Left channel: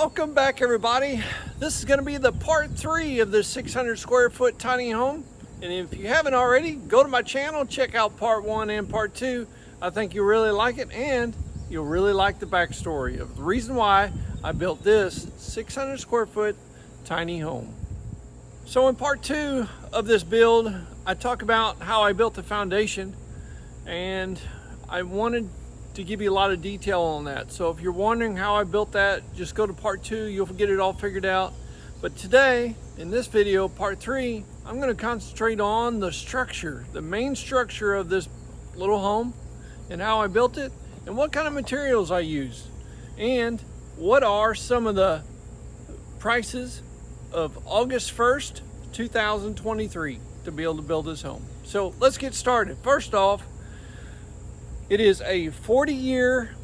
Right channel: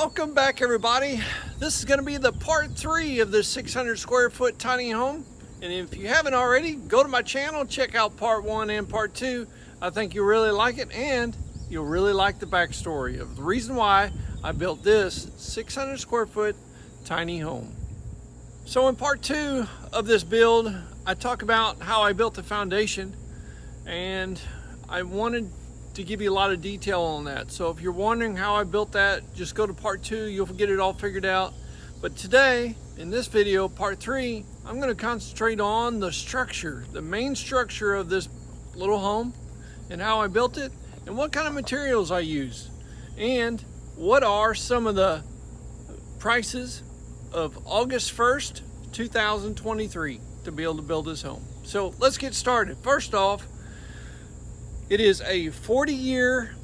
Welcome back, everybody. This is going to be the part 3 of the 600 square foot tiny home. And if you haven't already, go to my channel, check out part 1 and part 2. I think you'll really like it, and you'll really like the backstory of the reason why I built this 600 square foot tiny home. So in part 2 of this build, I talk about how I built the foundation, and I wanted to give you a lot of detail on that. So if you're wondering how I built that, just go to part 2, you'll get it all figured out. But today, in this video, part 3, I'm going to concentrate on the structure, the main structure of this little home, and how I built it, and what kind of materials I use, and what are some of the prices of August 1st, 2023 to be able to build this home. So let's get started. First off, it is a 40-year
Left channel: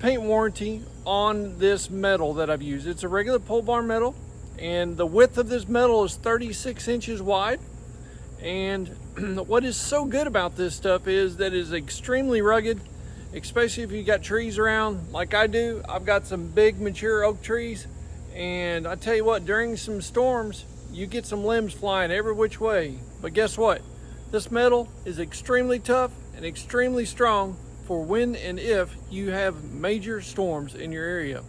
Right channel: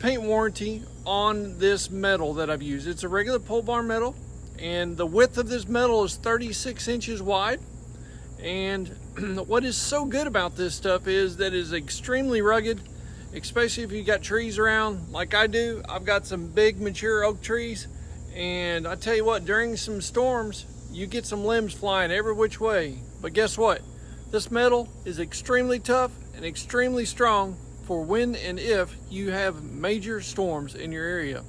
paint warranty on this metal that I've used. It's a regular pole barn metal, and the width of this metal is 36 inches wide. And what is so good about this stuff is that it is extremely rugged, especially if you got trees around like I do. I've got some big mature oak trees, and I tell you what, during some storms, you get some limbs flying every which way. But guess what? This metal is extremely tough and extremely strong for when and if you have major storms in your area.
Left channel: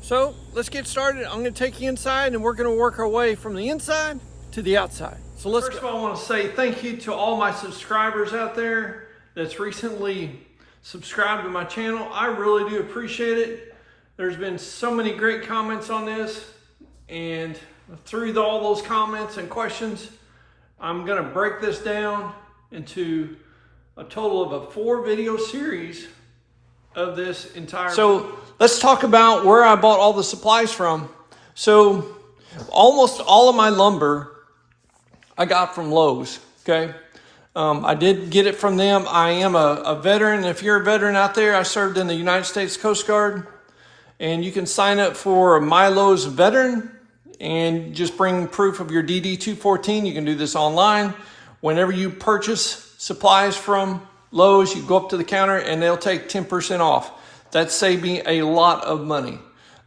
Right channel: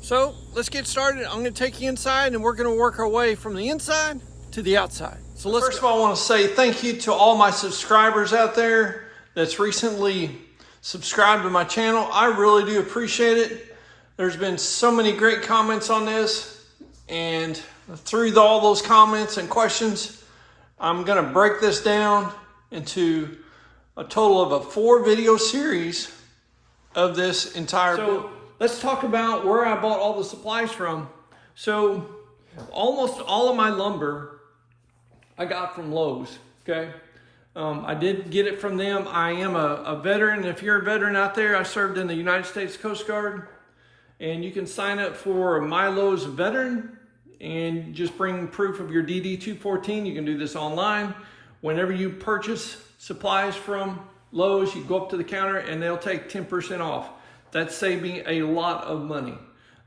So let's get started. I'm going to take you inside, and we're going to work our way from the inside to the outside. So let's First of all, I want to say thank you to all my subscribers out there that's recently subscribed to my channel. I really do appreciate it. There's been so many great comments on this, and through all those comments and questions, I'm going to break this down into a total of a 4 video series of this entire build. Let's talk about where I bought all the supplies from. So almost all of my lumber I got from Lowe's, okay? I did get it from them. I am a veteran. If you're a veteran out there, I served in the United States Coast Guard, and you can sign up for My Lowe's Veteran and just bring proof of your DD-214. You can do this online. Whenever you purchase supplies from Lowe's, you go up to the counter and they'll take 10% off. That saved me a lot of money.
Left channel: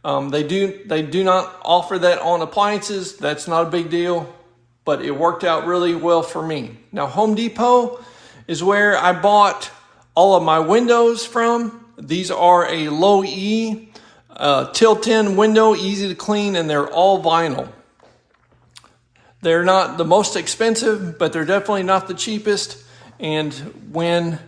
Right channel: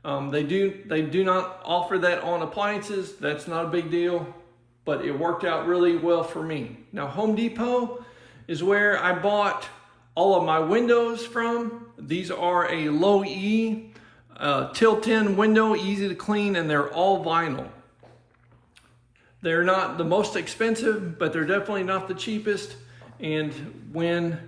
They do not offer that on appliances. That's not a big deal, but it worked out really well for me. Now, Home Depot is where I bought all of my windows from. These are a low E tilt-in window, easy to clean, and they're all vinyl. They're not the most expensive, but they're definitely not the cheapest. And when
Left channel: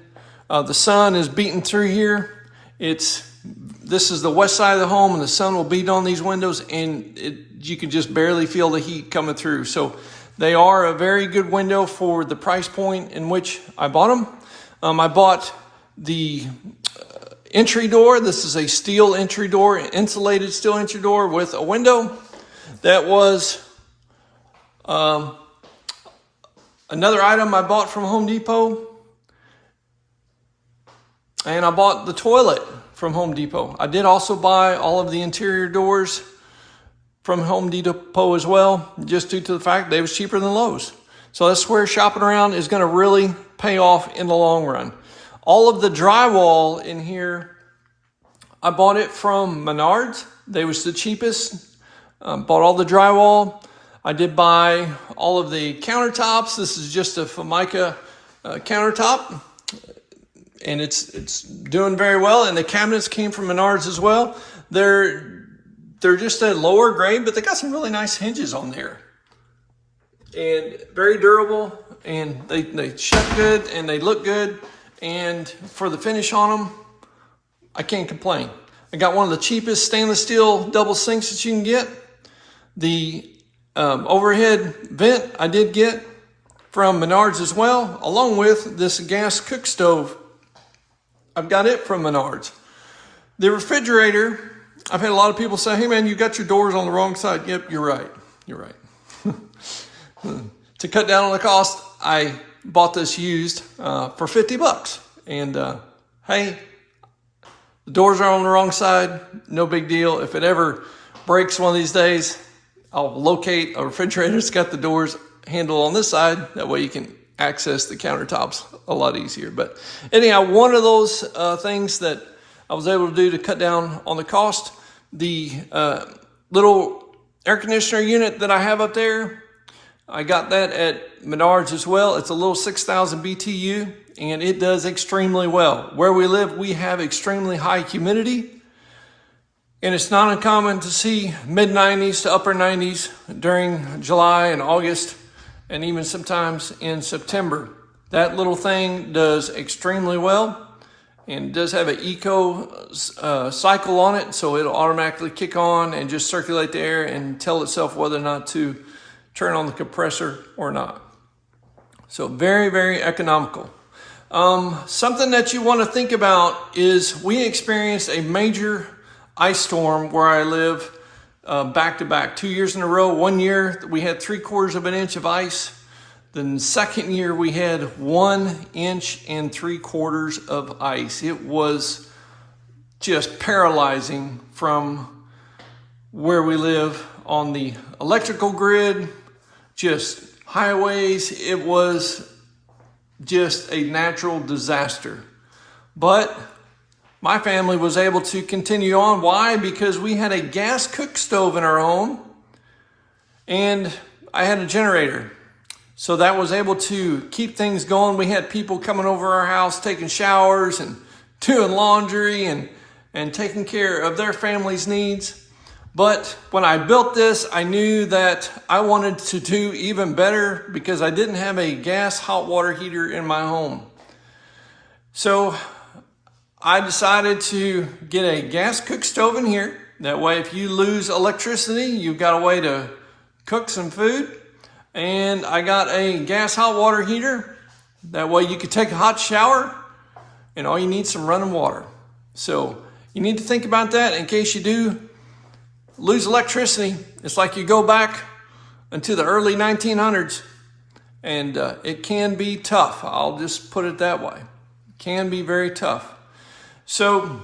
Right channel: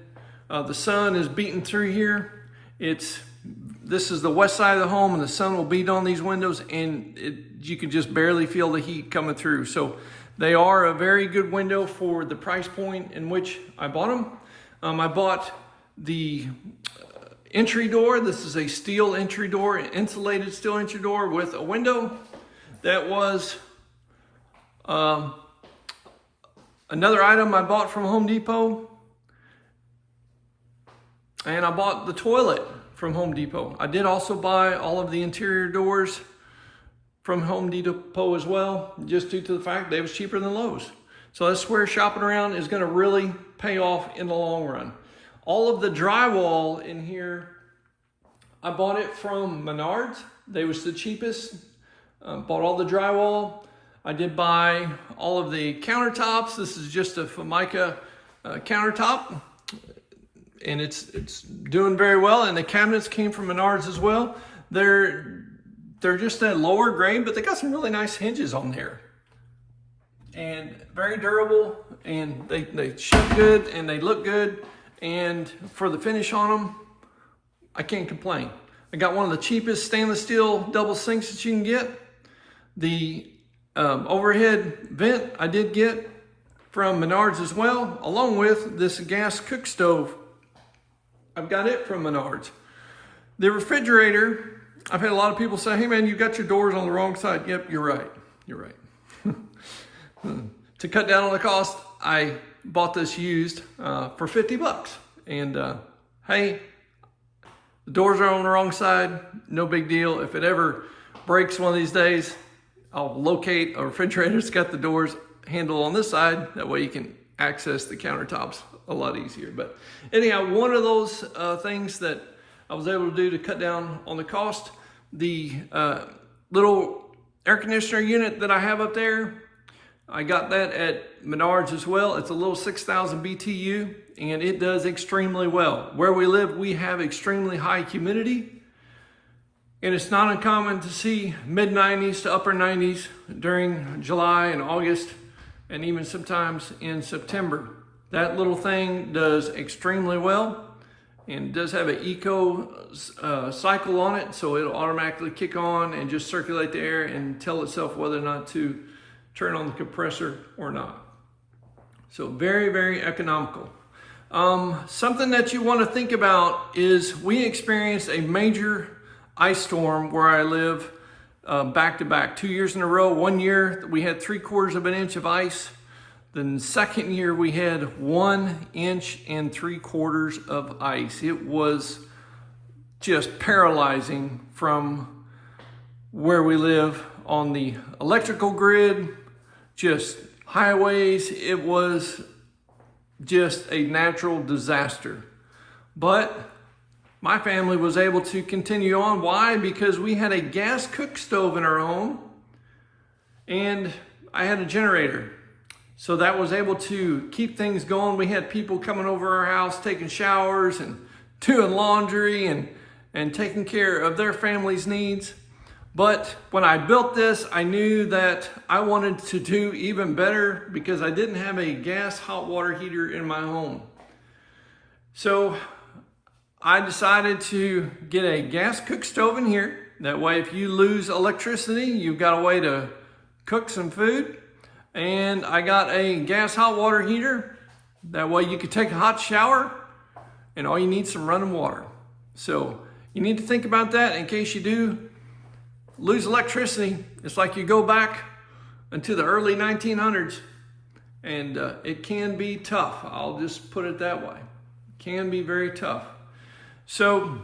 the sun is beating through here, this is the west side of the home, and the sun will beat on these windows, and you can just barely feel the heat coming through. So they are a very good window for the price point in which I bought them. I bought the entry door. This is a steel entry door, insulated steel entry door with a window. That was another item I bought from Home Depot. And I bought the toilet from Home Depot. I did also buy all of the interior doors from Home Depot as well, just due to the fact that it was cheaper than Lowe's. So that's where shopping around is going to really pay off in the long run. All of the drywall in here, I bought it from Menards. They was the cheapest. Bought all the drywall. I did buy all of the countertops. This is just a Formica countertop, and it's doing very well. And the cabinets came from Menards as well. They're just a lower grade, but they got some really nice hinges on there, and very durable, and they shut good and they look good. And for the finish on them, I can't complain. I got one of the cheapest stainless steel double sinks that you can get. The overhead vent I did get from Menards as well, along with this gas cook stove. I've got it from Menards. The refrigerator, I've had a lot of people say, hey man, you got your doors on the wrong side. Yep, you're right. You're right. To cut down on the cost, I bought this used for 50 bucks. And hey, the doors are on the wrong side. No big deal. If it ever breaks one of these days, I'll locate a refrigerator that's got the doors handle on this side. That way you can access the countertops a lot easier. But anyhow, one of those things that I was able to do to cut down on the cost The little air conditioner unit that I have up there, I got that at Menards as well. It's a little 6,000 BTU, and it does extremely well. Where we live, we have extremely high humidity, and it's not uncommon to see mid-90s to upper 90s during July and August, and even sometimes in September. That little thing does extremely well, and does have an eco cycle on it, so it'll automatically kick on and just circulate the air and tell itself whether or not to turn on the compressor or not. So very, very economical. Something that you want to think about is we experienced a major ice storm where I live back to back, 2 years in a row. 1 year we had 3/4 of an inch of ice. The second year we had 1 inch and 3/4 of ice. It was just paralyzing from where we live on the electrical grid, just highways. It was just a natural disaster. But my family was able to continue on. Why? Because we had a gas cook stove in our home, and I had a generator. So that was able to keep things going. We had people coming over our house, taking showers and doing laundry and taking care of their family's needs. But when I built this, I knew that I wanted to do even better because I didn't have a gas hot water heater in my home. So I decided to get a gas cook stove in here. That way, if you lose electricity, you've got a way to cook some food. And I got a gas hot water heater. That way you could take a hot shower and all you need is some running water. So you need to think about that in case you do lose electricity. It's like you go back into the early 1900s, and it can be tough. I'll just put it that way. It can be very tough. So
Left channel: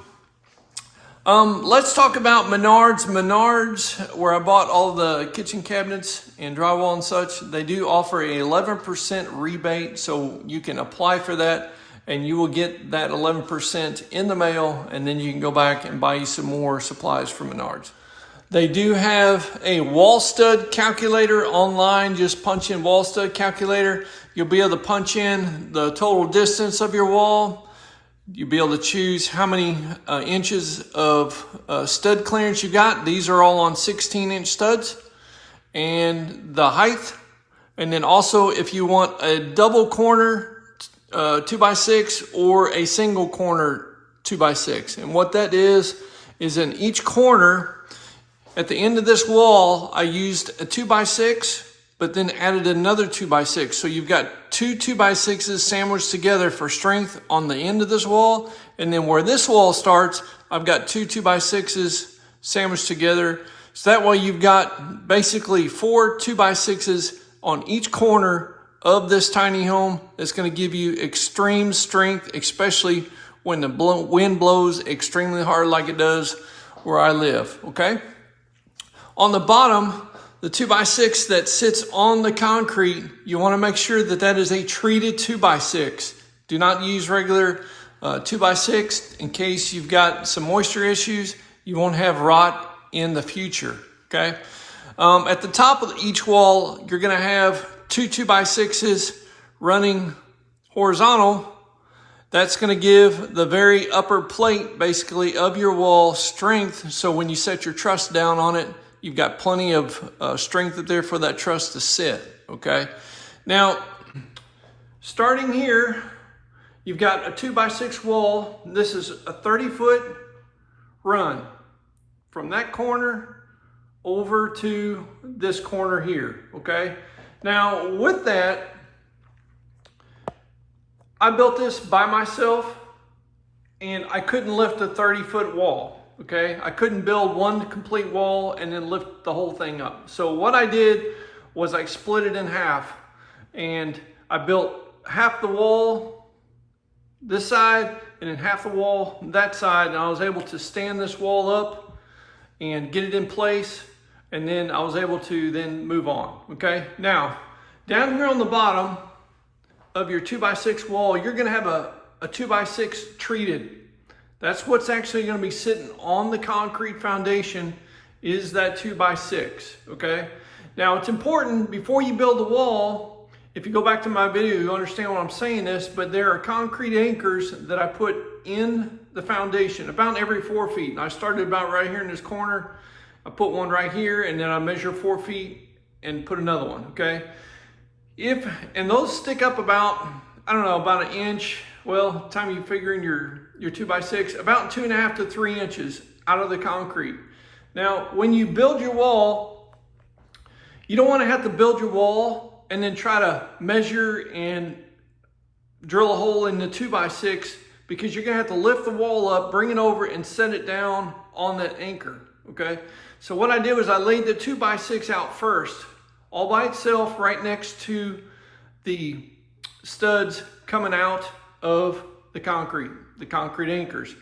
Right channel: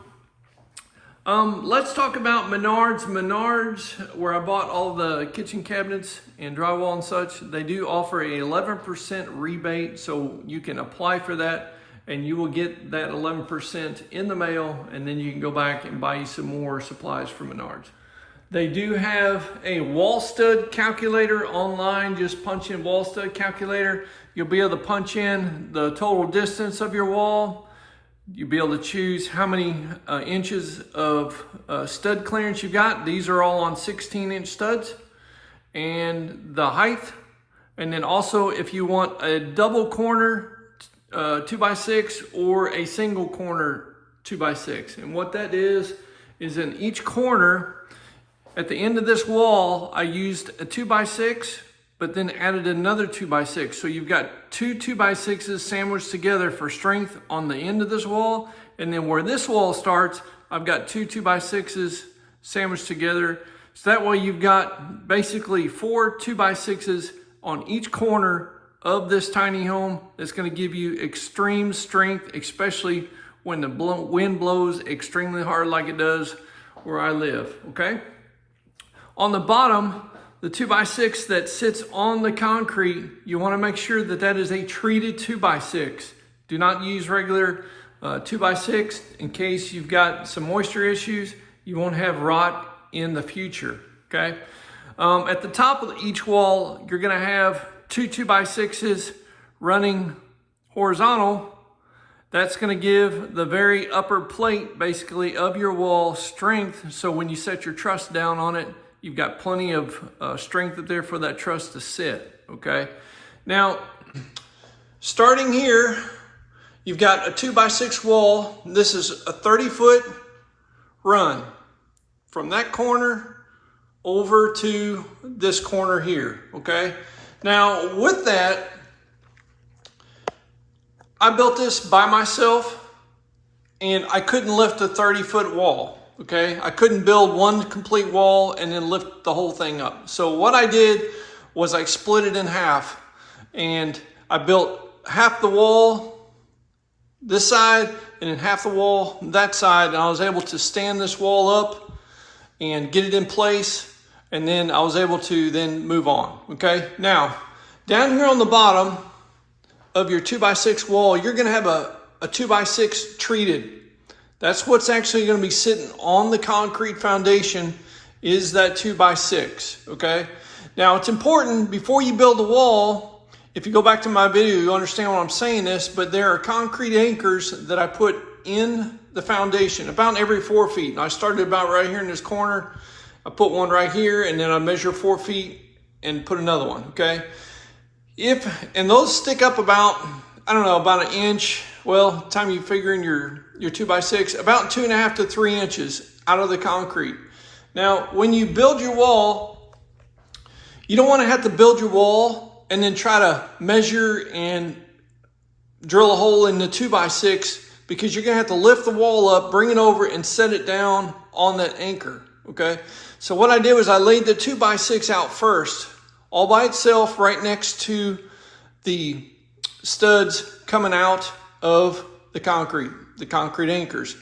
let's talk about Menards. Menards, where I bought all the kitchen cabinets and drywall and such, they do offer a 11% rebate, so you can apply for that and you will get that 11% in the mail, and then you can go back and buy you some more supplies from Menards. They do have a wall stud calculator online. Just punch in wall stud calculator. You'll be able to punch in the total distance of your wall. You'll be able to choose how many inches of stud clearance you got. These are all on 16-inch studs. And the height. And then also if you want a double corner 2x6 or a single corner 2x6. And what that is in each corner, at the end of this wall, I used a 2x6, but then added another 2x6. So you've got two 2x6s sandwiched together for strength on the end of this wall. And then where this wall starts, I've got two 2x6s sandwiched together. So that way you've got basically 4 2x6s on each corner of this tiny home. That's going to give you extreme strength, especially when the wind blows extremely hard like it does where I live, okay? On the bottom, the 2x6 that sits on the concrete, you want to make sure that that is a treated 2x6. Do not use regular 2x6 in case you've got some moisture issues. You won't have rot in the future, okay? At the top of each wall, you're going to have two 2x6s running horizontal. That's going to give the very upper plate, basically, of your wall strength. So when you set your truss down on it, you've got plenty of strength there for that truss to sit, okay? Now, starting here, you've got a 2x6 wall. This is a 30-foot run from that corner over to this corner here, okay? Now, with that, I built this by myself, and I couldn't lift a 30-foot wall, okay? I couldn't build one complete wall and then lift the whole thing up. So what I did was I split it in half, and I built half the wall this side and then half the wall that side, and I was able to stand this wall up and get it in place, and then I was able to then move on, okay? Now, down here on the bottom of your 2x6 wall, you're gonna have a 2x6 treated. That's what's actually going to be sitting on the concrete foundation, is that 2x6, okay? Now it's important before you build the wall, if you go back to my video, you understand what I'm saying this, but there are concrete anchors that I put in the foundation about every 4 feet. And I started about right here in this corner. I put one right here, and then I measure 4 feet and put another one, okay? And those stick up about, I don't know, about 1 inch. Well, time you figure in your 2x6, about 2.5 to 3 inches out of the concrete. Now, when you build your wall, you don't want to have to build your wall and then try to measure and drill a hole in the 2x6, because you're going to have to lift the wall up, bring it over, and set it down on that anchor, okay? So what I did was I laid the 2x6 out first, all by itself, right next to the studs coming out of the concrete anchors.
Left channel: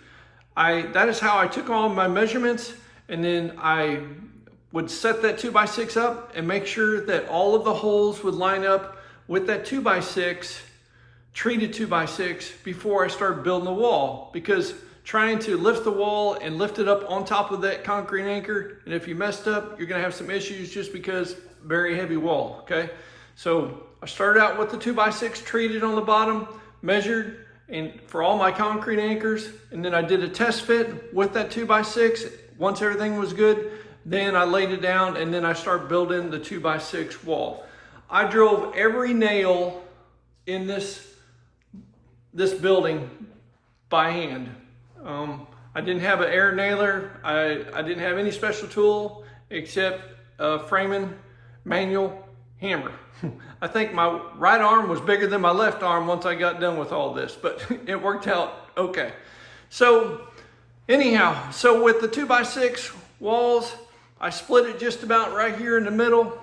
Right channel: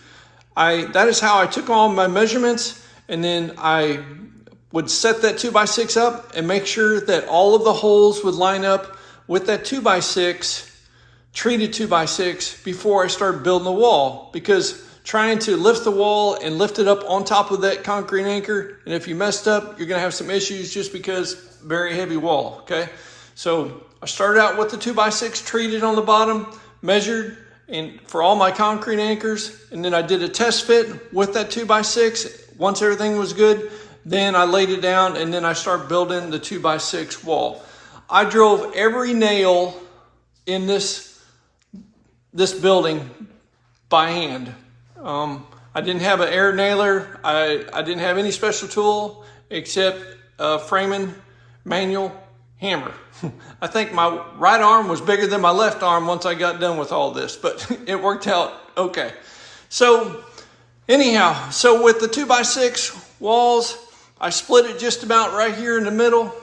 That is how I took all my measurements, and then I would set that 2x6 up and make sure that all of the holes would line up with that 2x6, treated 2x6, before I started building the wall, because trying to lift the wall and lift it up on top of that concrete anchor, and if you messed up, you're gonna have some issues just because very heavy wall, okay? So I started out with the 2x6 treated on the bottom, measured and for all my concrete anchors, and then I did a test fit with that 2x6. Once everything was good, then I laid it down, and then I started building the 2x6 wall. I drove every nail in this building by hand. I didn't have an air nailer. I didn't have any special tool except a framing manual hammer. I think my right arm was bigger than my left arm once I got done with all this, but it worked out okay. So anyhow, so with the 2x6 walls, I split it just about right here in the middle.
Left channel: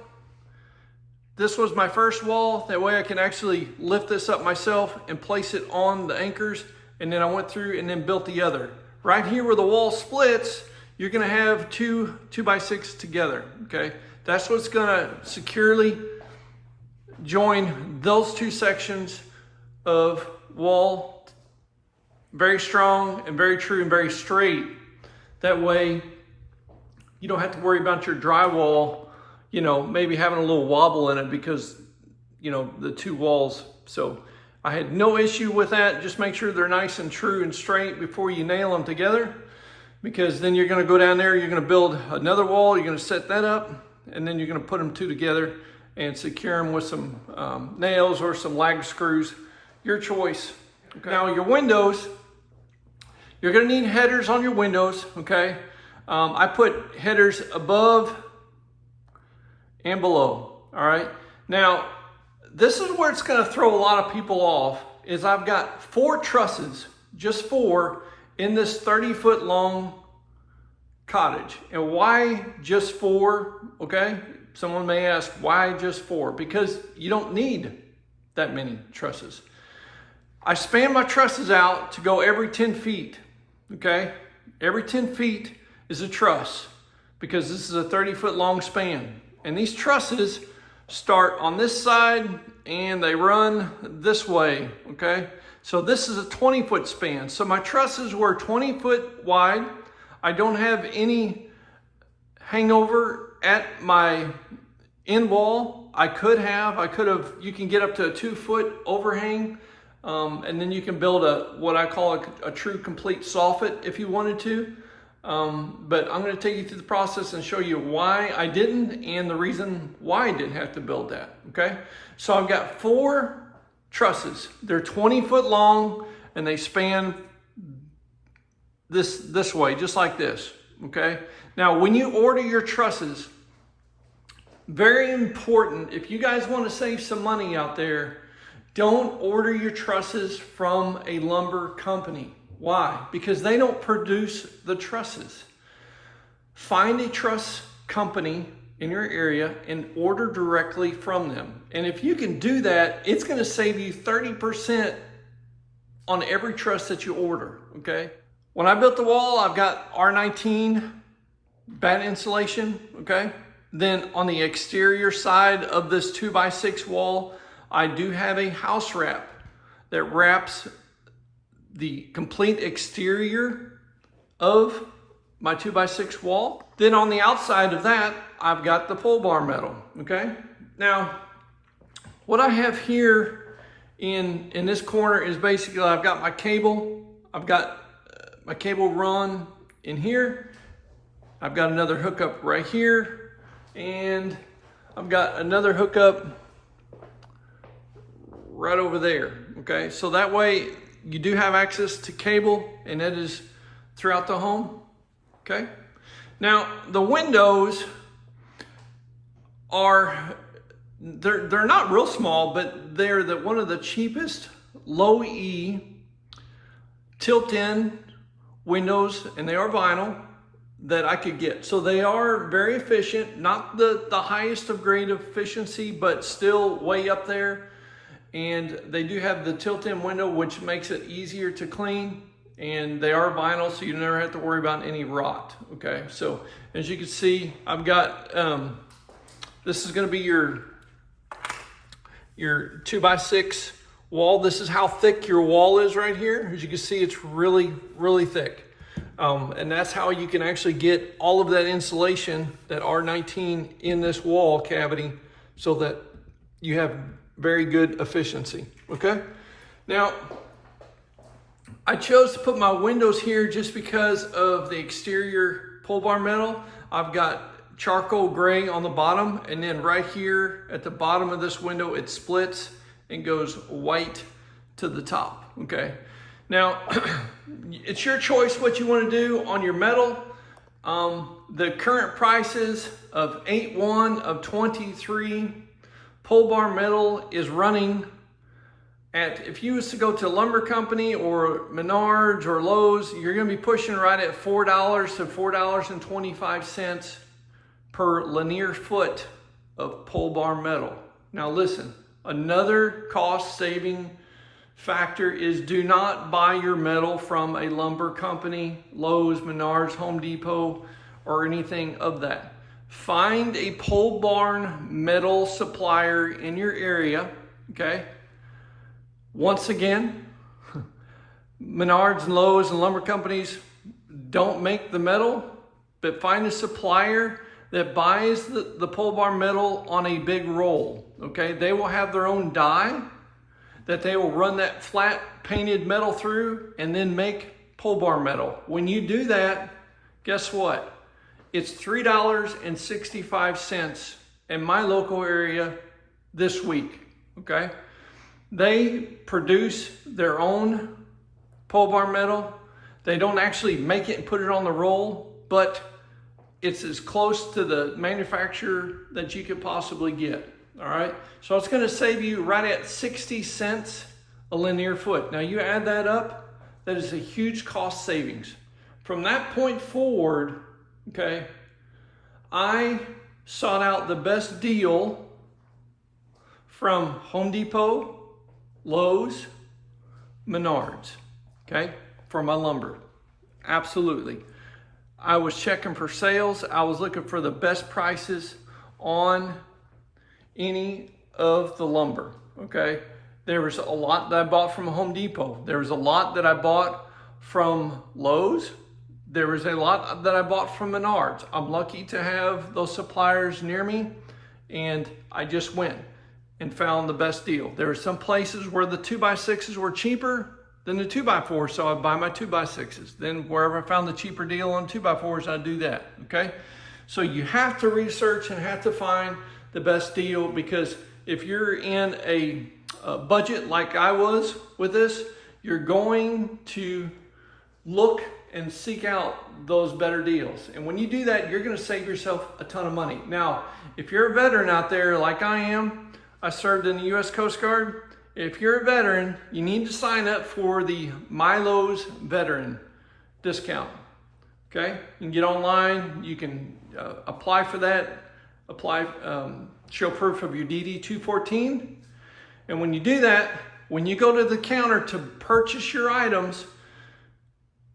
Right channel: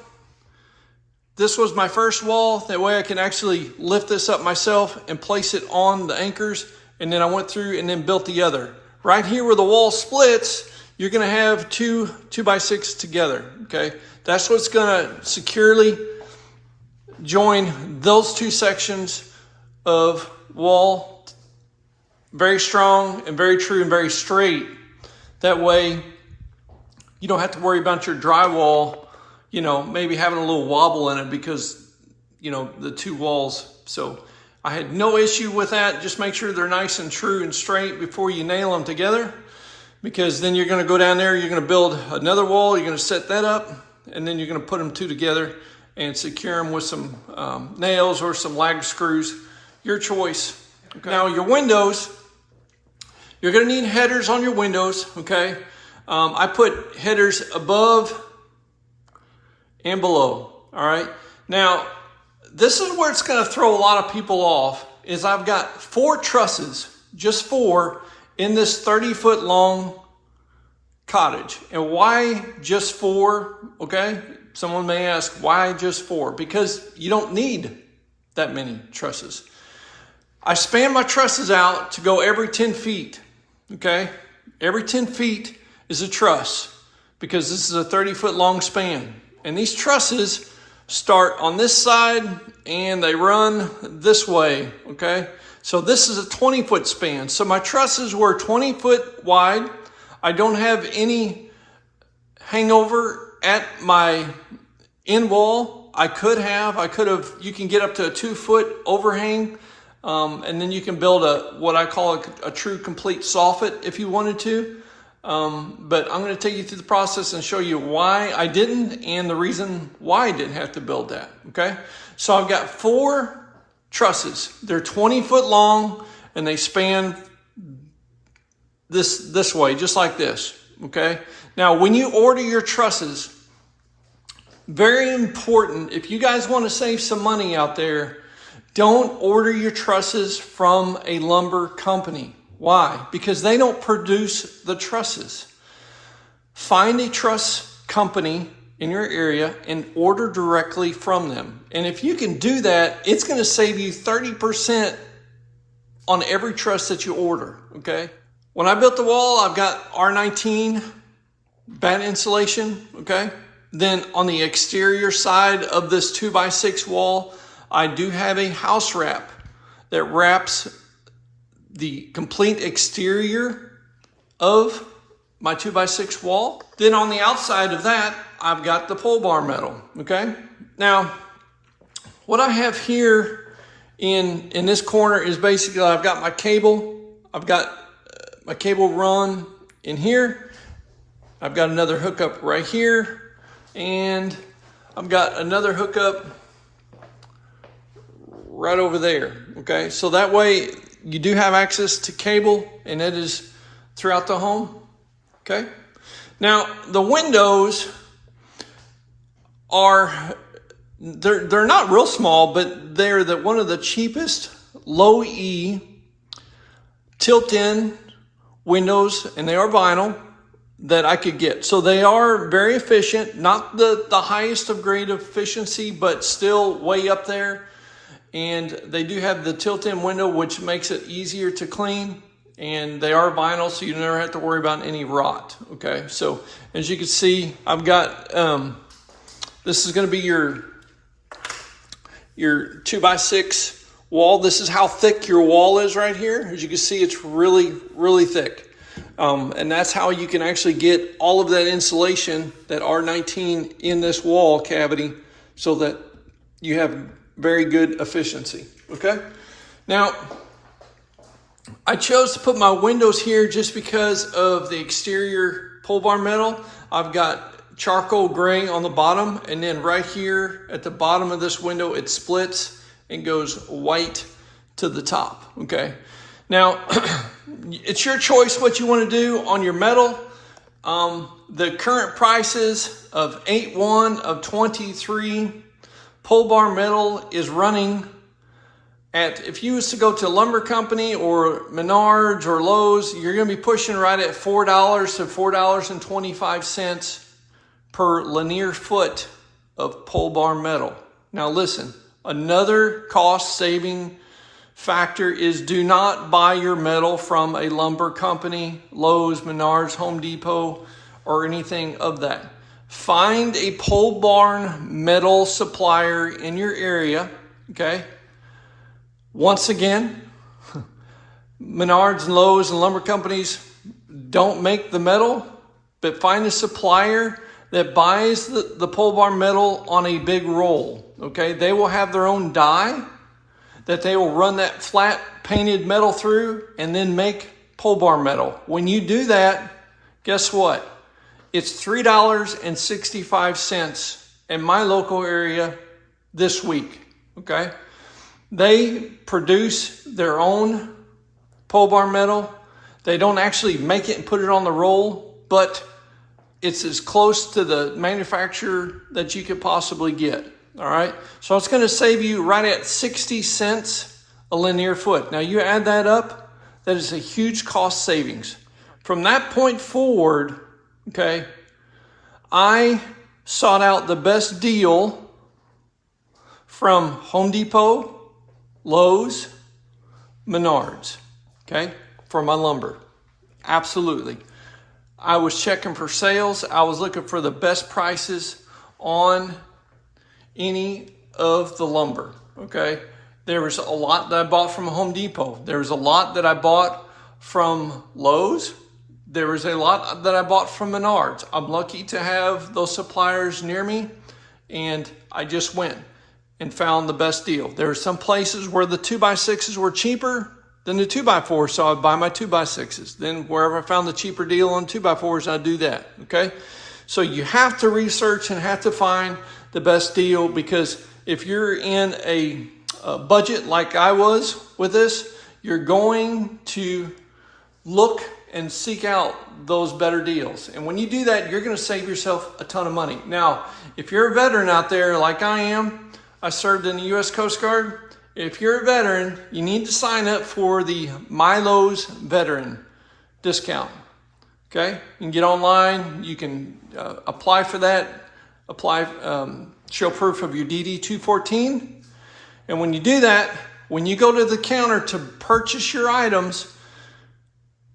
This was my first wall. That way I can actually lift this up myself and place it on the anchors. And then I went through and then built the other. Right here where the wall splits, you're gonna have two 2x6 together, okay? That's what's gonna securely join those two sections of wall. Very strong and very true and very straight. That way you don't have to worry about your drywall, you know, maybe having a little wobble in it because, you know, the two walls. So I had no issue with that. Just make sure they're nice and true and straight before you nail them together, because then you're gonna go down there, you're gonna build another wall, you're gonna set that up, and then you're gonna put them two together and secure them with some nails or some lag screws, your choice. Okay. Now your windows, you're gonna need headers on your windows, okay? I put headers above and below, all right? Now, this is where it's gonna throw a lot of people off, is I've got 4 trusses, just 4, in this 30-foot long cottage. And why just 4, okay? Someone may ask, why just 4? Because you don't need that many trusses. I span my trusses out to go every 10 feet, okay? Every 10 feet is a truss, because this is a 30-foot long span. And these trusses start on this side and they run this way, okay? So this is a 20-foot span. So my trusses were 20 foot wide. I don't have any hangover at my end wall. I could have, you can get up to a 2-foot overhang, and then you can build what I call a true complete soffit if you wanted to. But I'm going to take you through the process and show you why I didn't and the reason why I didn't have to build that, okay? So I've got 4 trusses. They're 20 foot long and they span this way, just like this, okay? Now, when you order your trusses, very important, if you guys want to save some money out there, don't order your trusses from a lumber company. Why? Because they don't produce the trusses. Find a truss company in your area and order directly from them. And if you can do that, it's going to save you 30% on every truss that you order, okay? When I built the wall, I've got R19 batt insulation, okay? Then on the exterior side of this 2x6 wall, I do have a house wrap that wraps the complete exterior of my 2x6 wall. Then on the outside of that, I've got the pole barn metal, okay? Now, what I have here in this corner is basically I've got my cable. I've got my cable run in here. I've got another hookup right here. And I've got another hookup right over there, okay? So that way you do have access to cable, and it is throughout the home, okay? Now, the windows are, they're not real small, but they're one of the cheapest low E tilt-in windows, and they are vinyl, that I could get. So they are very efficient, not the highest of grade efficiency, but still way up there. And they do have the tilt-in window, which makes it easier to clean. And they are vinyl, so you never have to worry about any rot, okay? So as you can see, I've got, this is gonna be your 2x6 wall. This is how thick your wall is right here. As you can see, it's really, really thick. And that's how you can actually get all of that insulation, that R19 in this wall cavity, so that you have very good efficiency, okay? Now, I chose to put my windows here just because of the exterior pole barn metal. I've got charcoal gray on the bottom, and then right here at the bottom of this window, it splits and goes white to the top, okay? Now, it's your choice what you want to do on your metal. The current prices of 8/1 of 23 pole barn metal is running at, if you was to go to a lumber company or Menards or Lowe's, you're going to be pushing right at $4 to $4.25 per linear foot of pole barn metal. Now listen, another cost saving factor is do not buy your metal from a lumber company, Lowe's, Menards, Home Depot, or anything of that. Find a pole barn metal supplier in your area, okay? Once again, Menards and Lowe's and lumber companies don't make the metal, but find a supplier that buys the pole barn metal on a big roll, okay? They will have their own die that they will run that flat painted metal through and then make pole barn metal. When you do that, guess what? It's $3.65 in my local area this week, okay? They produce their own pole barn metal. They don't actually make it and put it on the roll, but it's as close to the manufacturer that you could possibly get, all right? So it's gonna save you right at 60 cents a linear foot. Now you add that up, that is a huge cost savings. From that point forward, okay, I sought out the best deal from Home Depot, Lowe's, Menards, okay, for my lumber. Absolutely. I was checking for sales. I was looking for the best prices on any of the lumber, okay? There was a lot that I bought from Home Depot. There was a lot that I bought from Lowe's. There was a lot that I bought from Menards. I'm lucky to have those suppliers near me, and I just went and found the best deal. There were some places where the 2x6s were cheaper than the 2x4s, so I'd buy my 2x6s. Then wherever I found the cheaper deal on 2x4s, I'd do that, okay? So you have to research and have to find the best deal, because if you're in a budget like I was with this, you're going to look and seek out those better deals. And when you do that, you're gonna save yourself a ton of money. Now, if you're a veteran out there like I am, I served in the U.S. Coast Guard. If you're a veteran, you need to sign up for the MyLowe's Veteran discount, okay? You can get online, you can apply for that, show proof of your DD-214. And when you do that, when you go to the counter to purchase your items,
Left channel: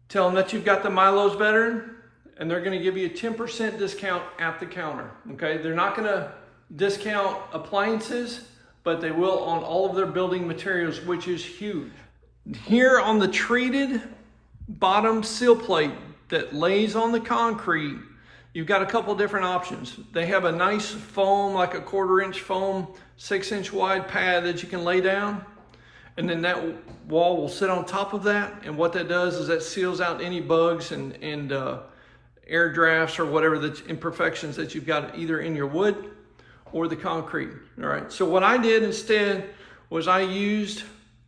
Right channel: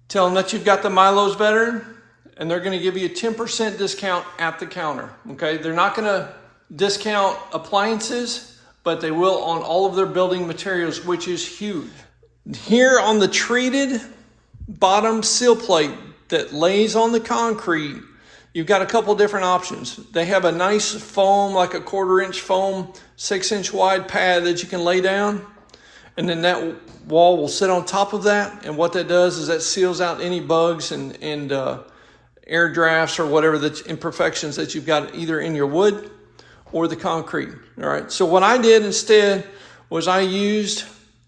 tell them that you've got the MyLowe's Veteran, and they're gonna give you a 10% discount at the counter, okay? They're not gonna discount appliances, but they will on all of their building materials, which is huge. Here on the treated bottom seal plate that lays on the concrete, you've got a couple different options. They have a nice foam, like a 1/4 inch foam, 6-inch wide pad that you can lay down. And then that wall will sit on top of that. And what that does is that seals out any bugs and air drafts or whatever the imperfections that you've got either in your wood or the concrete. All right. So what I did instead was I used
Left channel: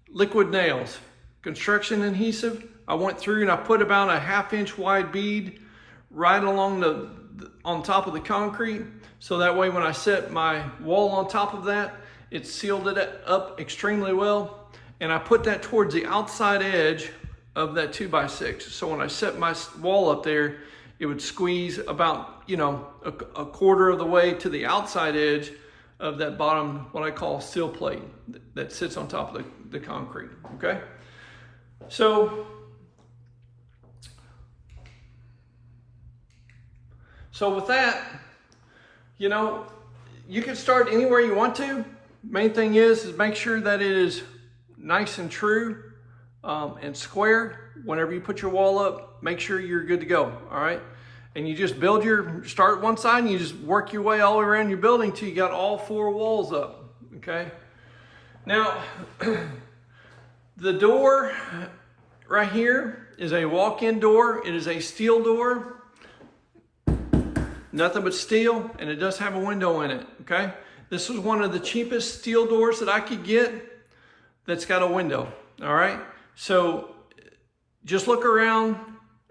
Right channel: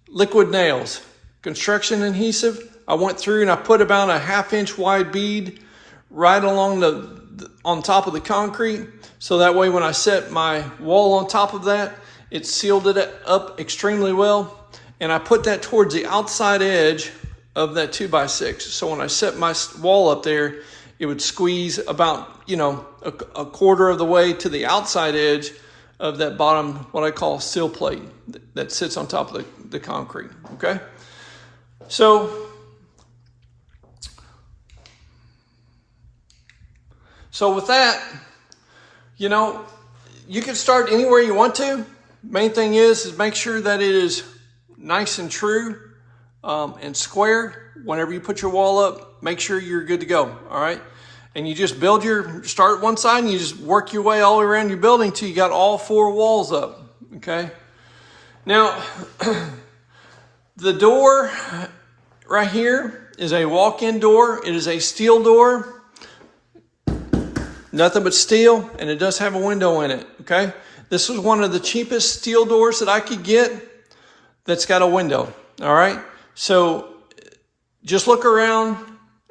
liquid nails, construction adhesive. I went through and I put about a 1/2 inch wide bead right along on top of the concrete. So that way when I set my wall on top of that, it sealed it up extremely well. And I put that towards the outside edge of that 2x6. So when I set my wall up there, it would squeeze about, you know, a 1/4 of the way to the outside edge of that bottom, what I call seal plate that sits on top of the concrete, okay? So with that, you know, you can start anywhere you want to. Main thing is make sure that it is nice and true and square. Whenever you put your wall up, make sure you're good to go, all right? And you just start one side and you just work your way all around your building till you got all 4 walls up, okay? Now, the door right here is a walk-in door. It is a steel door. Nothing but steel, and it does have a window in it, okay? This was one of the cheapest steel doors that I could get that's got a window, all right? So just look around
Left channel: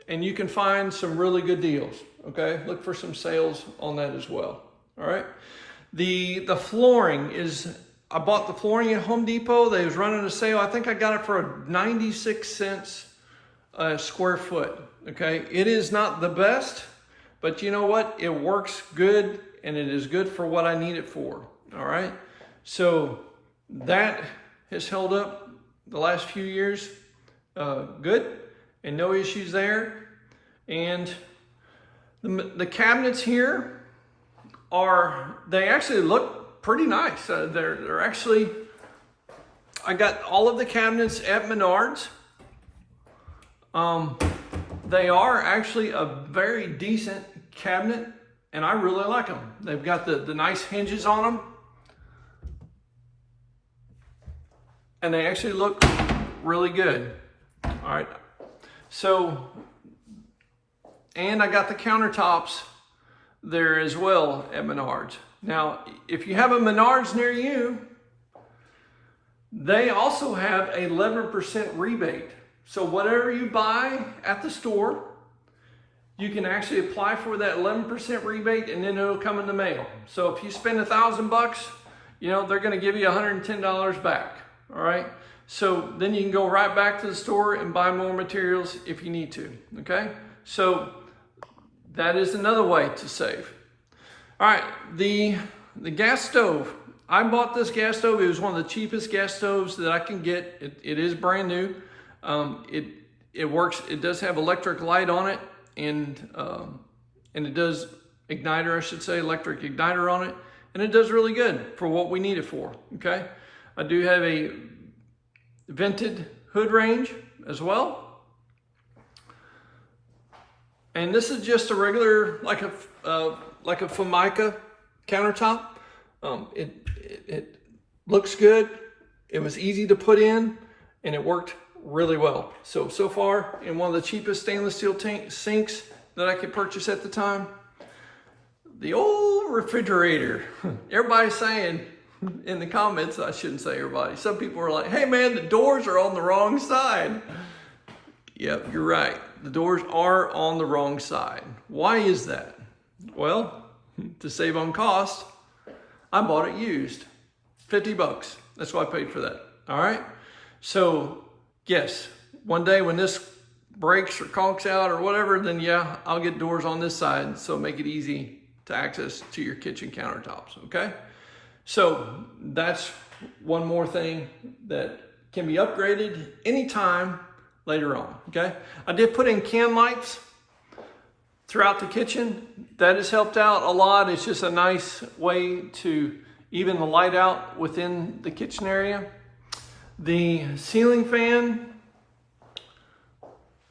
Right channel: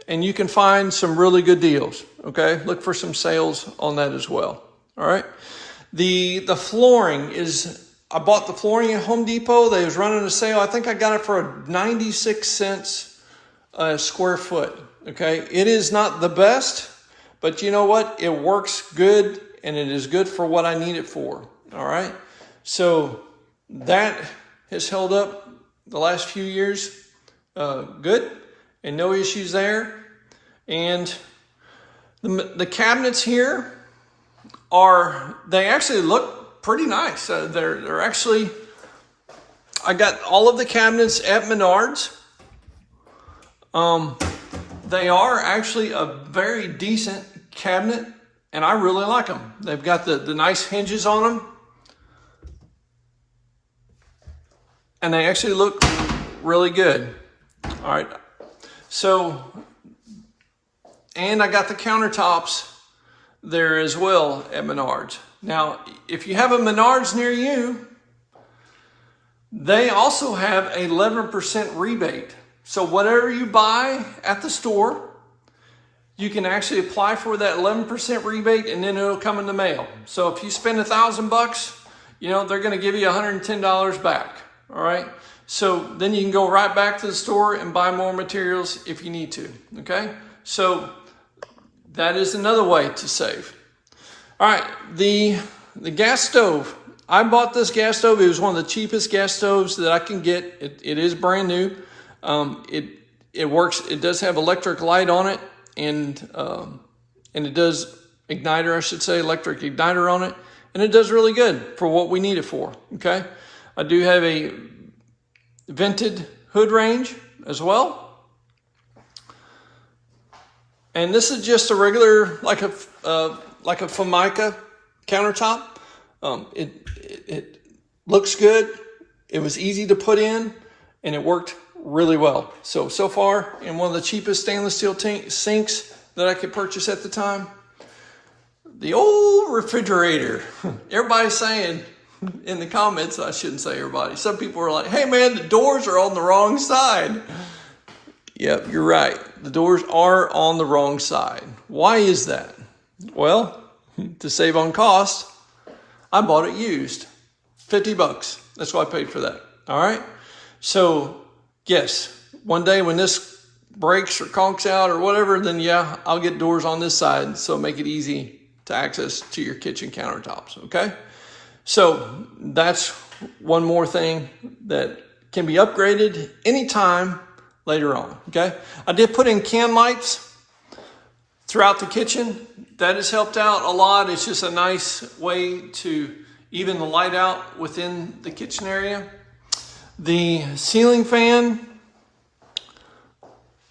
and you can find some really good deals, okay? Look for some sales on that as well, all right? The flooring is, I bought the flooring at Home Depot. They was running a sale. I think I got it for 96 cents a square foot, okay? It is not the best, but you know what? It works good, and it is good for what I need it for, all right? So that has held up the last few years good, and no issues there. And the cabinets here they actually look pretty nice. They're actually, I got all of the cabinets at Menards. They are actually a very decent cabinet, and I really like them. They've got the nice hinges on them, and they actually look really good. All right. So, and I got the countertops there as well at Menards. Now, if you have a Menards near you, they also have a 11% rebate. So whatever you buy at the store, you can actually apply for that 11% rebate, and then it'll come in the mail. So if you spend $1,000, you know, they're going to give you $110 back. All right. So then you can go right back to the store and buy more materials if you need to. Okay. So that is another way to save. All right. The gas stove. I bought this gas stove. It was one of the cheapest gas stoves that I can get. It is brand new. It works. It does have electric light on it, and it does igniter, I should say, electric igniter on it, and it does really good for what we need it for. Okay, I do have a vented hood range as well, and this is just a regular like a Formica countertop. It looks good. It was easy to put in, and it worked really well. So far, in one of the cheapest stainless steel sinks that I could purchase at the time. The old refrigerator. Everybody's saying in the comments, I shouldn't say everybody, some people are like, hey man, the doors are on the wrong side. Yep, you're right. The doors are on the wrong side. Why is that? Well, to save on cost, I bought it used. $50. That's what I paid for that. All right. So yes, one day when this breaks or conks out or whatever, then yeah, I'll get doors on this side. So make it easy to access to your kitchen countertops. Okay. So that's one more thing that can be upgraded anytime later on. Okay. I did put in can lights throughout the kitchen. That has helped out a lot. It's just a nice way to even the light out within the kitchen area. The ceiling fan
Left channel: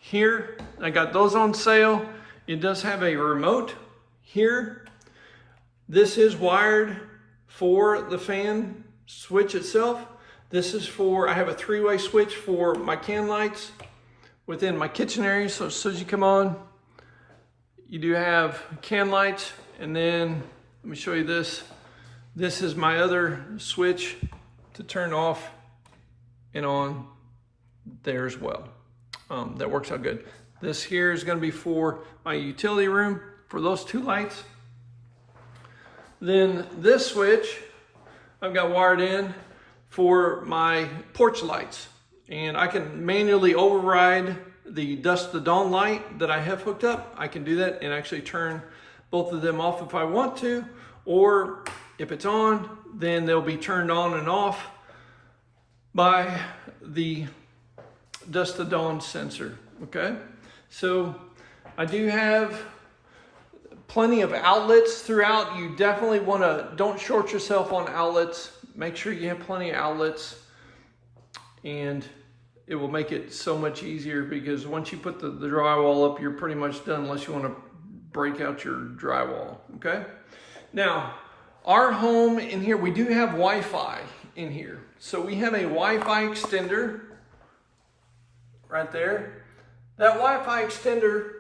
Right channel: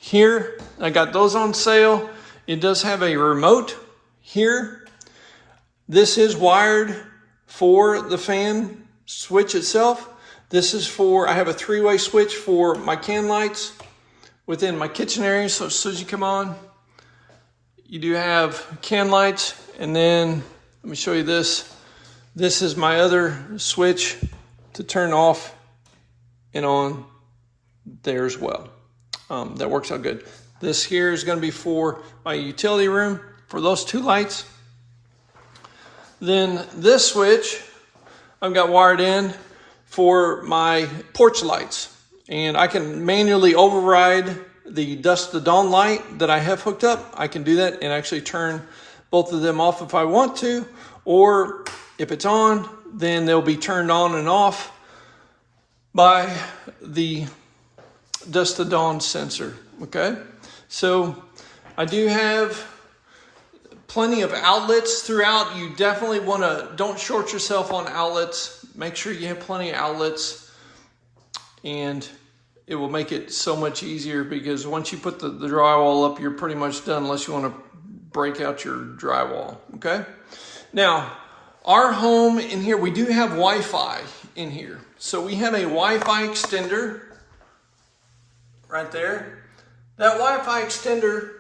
here. I got those on sale. It does have a remote here. This is wired for the fan switch itself. This is for, I have a 3-way switch for my can lights within my kitchen area. So as soon as you come on, you do have can lights. And then let me show you this. This is my other switch to turn off and on there as well. That works out good. This here is going to be for my utility room for those 2 lights. Then this switch I've got wired in for my porch lights, and I can manually override the dusk to dawn light that I have hooked up. I can do that and actually turn both of them off if I want to, or if it's on, then they'll be turned on and off by the dusk to dawn sensor. Okay, so I do have plenty of outlets throughout. You definitely want to, don't short yourself on outlets. Make sure you have plenty of outlets, and it will make it so much easier, because once you put the drywall up, you're pretty much done unless you want to break out your drywall. Okay, now our home in here, we do have Wi-Fi in here. So we have a Wi-Fi extender right there. That Wi-Fi extender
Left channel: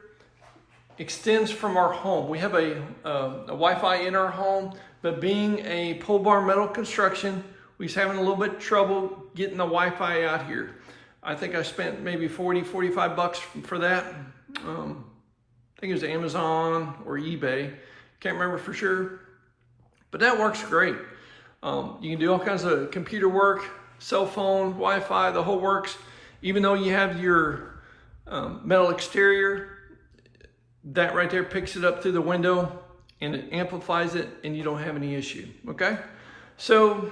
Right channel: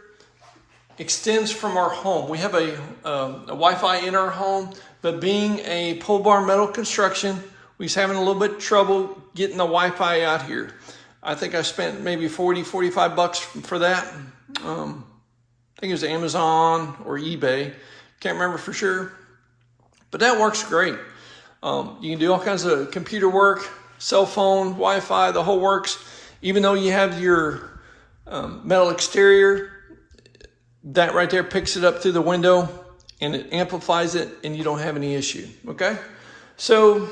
extends from our home. We have a Wi-Fi in our home, but being a pole barn metal construction, we was having a little bit of trouble getting the Wi-Fi out here. I think I spent maybe 40, 45 bucks for that. I think it was Amazon or eBay. Can't remember for sure, but that works great. You can do all kinds of computer work, cell phone, Wi-Fi, the whole works. Even though you have your metal exterior, that right there picks it up through the window and it amplifies it, and you don't have any issue. Okay, so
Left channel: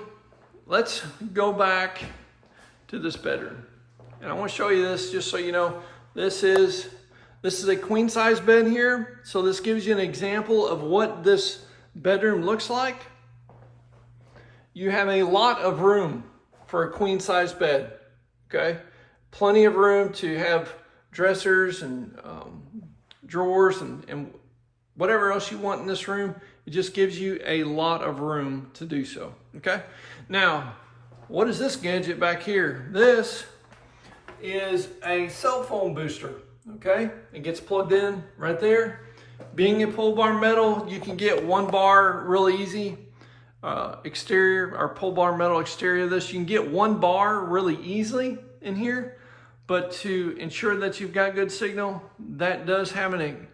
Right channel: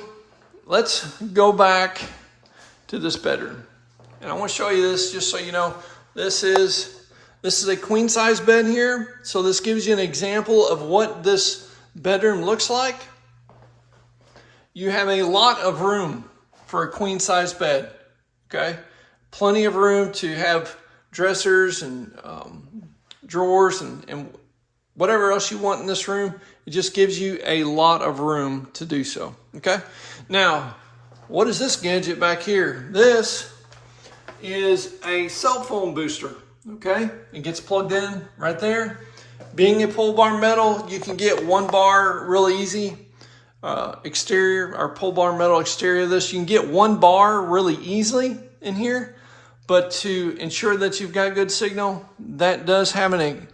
let's go back to this bedroom, and I want to show you this just so you know. This is a queen size bed here, so this gives you an example of what this bedroom looks like. You have a lot of room for a queen size bed. Okay, plenty of room to have dressers and drawers and whatever else you want in this room. It just gives you a lot of room to do so. Okay, now what is this gadget back here? This is a cell phone booster. Okay, it gets plugged in right there. Being a pole barn metal, you can get 1 bar really easy. Exterior, our pole barn metal exterior of this, you can get 1 bar really easily in here. But to ensure that you've got good signal, that does have an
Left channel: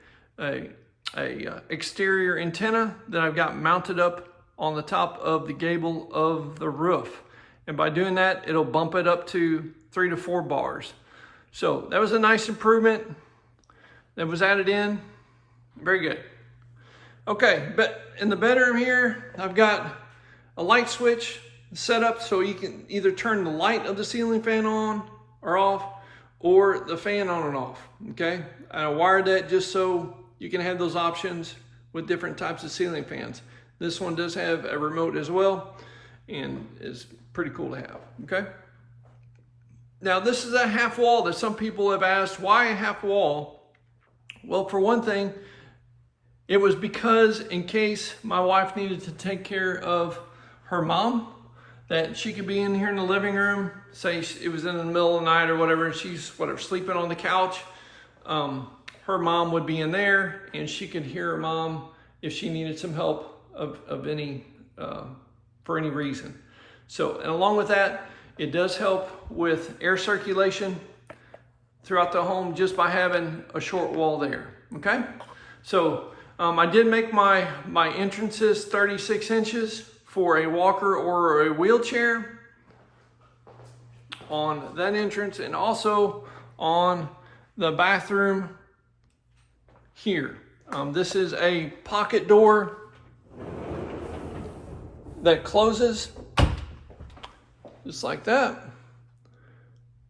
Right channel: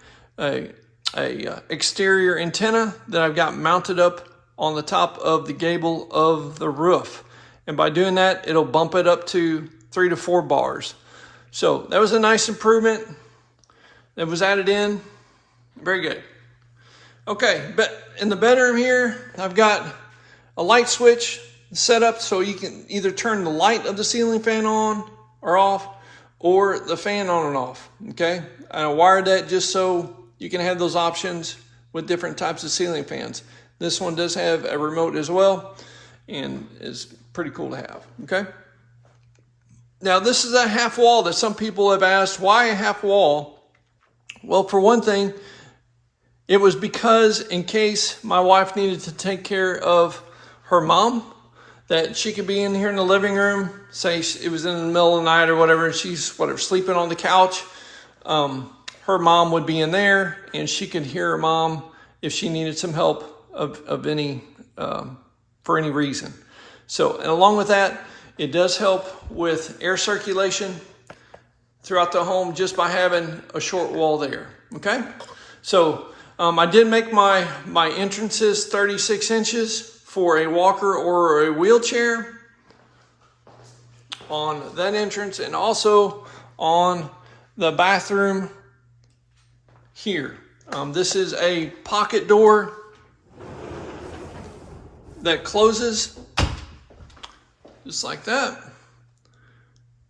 exterior antenna that I've got mounted up on the top of the gable of the roof. And by doing that, it'll bump it up to 3 to 4 bars. So that was a nice improvement that was added in. Very good. Okay, but in the bedroom here, I've got a light switch set up so you can either turn the light of the ceiling fan on or off, or the fan on and off. Okay, I wired that just so you can have those options with different types of ceiling fans. This one does have a remote as well, and is pretty cool to have. Okay, now this is a half wall that some people have asked, why a half wall? Well, for one thing, it was because in case my wife needed to take care of her mom, that she could be in here in the living room, say it was in the middle of the night or whatever, and she's sleeping on the couch. Her mom would be in there, and she could hear her mom if she needed some help of any for any reason. So, and along with that, it does help with air circulation throughout the home just by having a short wall there. Okay, so I did make my entrances 36 inches for a walker or a wheelchair on that entrance, and also on the bathroom here. This is a pocket door that closes just like that,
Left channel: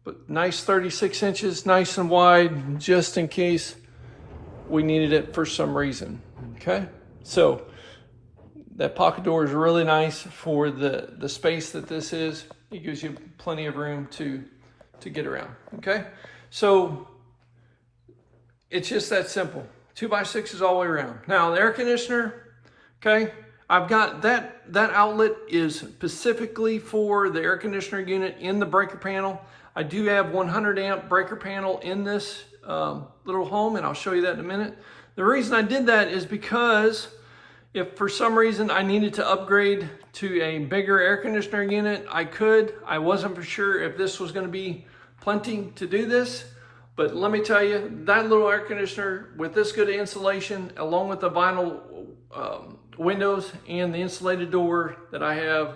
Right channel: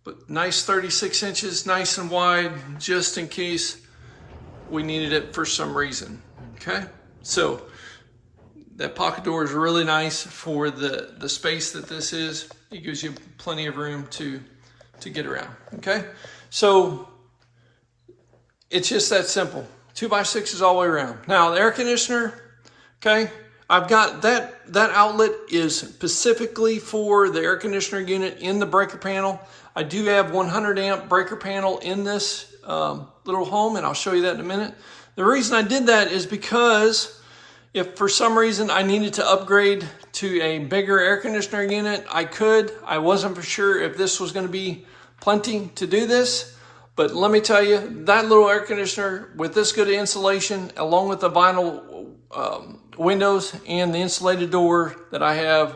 but nice 36 inches, nice and wide, just in case we needed it for some reason. Okay, so that pocket door is really nice for the space that this is. It gives you plenty of room to get around. Okay, so It's just that simple. 2x6 is all the way around. Now the air conditioner, okay, I've got that outlet is specifically for the air conditioner unit in the breaker panel. I do have 100 amp breaker panel in this little home, and I'll show you that in a minute. The reason I did that is because if for some reason I needed to upgrade to a bigger air conditioner unit, I could. I wasn't for sure if this was going to be plenty to do this. But let me tell you, that little air conditioner with this good insulation, along with the vinyl windows and the insulated door that I have,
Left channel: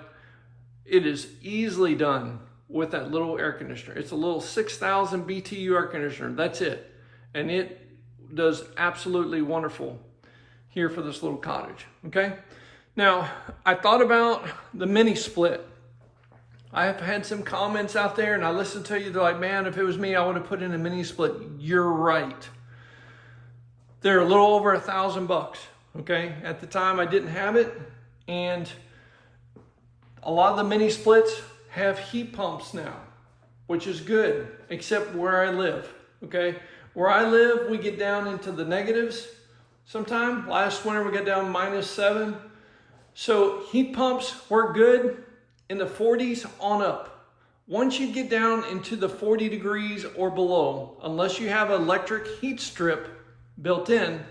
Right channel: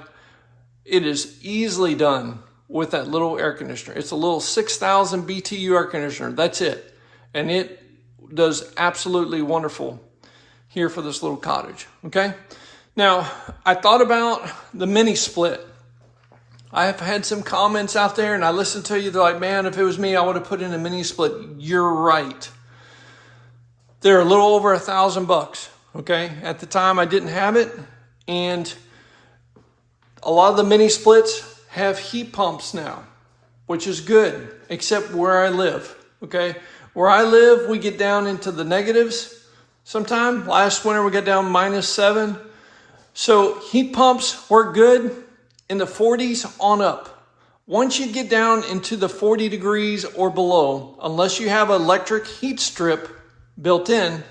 it is easily done with that little air conditioner. It's a little 6,000 BTU air conditioner. That's it. And it does absolutely wonderful here for this little cottage, okay? Now, I thought about the mini split. I have had some comments out there, and I listened to you. They're like, man, if it was me, I would have put in a mini split. You're right. They're a little over $1,000, okay? At the time, I didn't have it, and a lot of the mini splits have heat pumps now, which is good, except where I live, okay? Where I live, we get down into the negatives sometime. Last winter, we got down -7. So heat pumps work good in the 40s on up. Once you get down into the 40 degrees or below, unless you have an electric heat strip built in,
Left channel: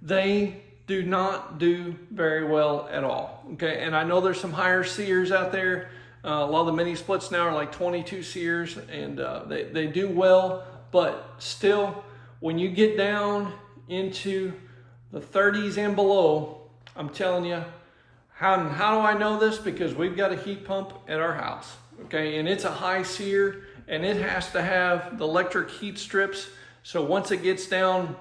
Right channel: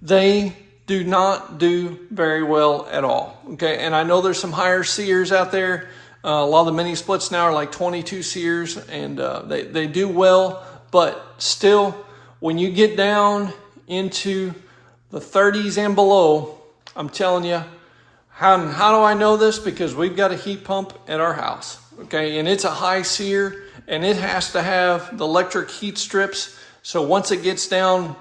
they do not do very well at all, okay? And I know there's some higher SEERs out there. A lot of the mini splits now are like 22 SEERs, and they do well, but still, when you get down into the 30s and below, I'm telling you, how do I know this? Because we've got a heat pump at our house, okay? And it's a high SEER, and it has to have the electric heat strips. So once it gets down,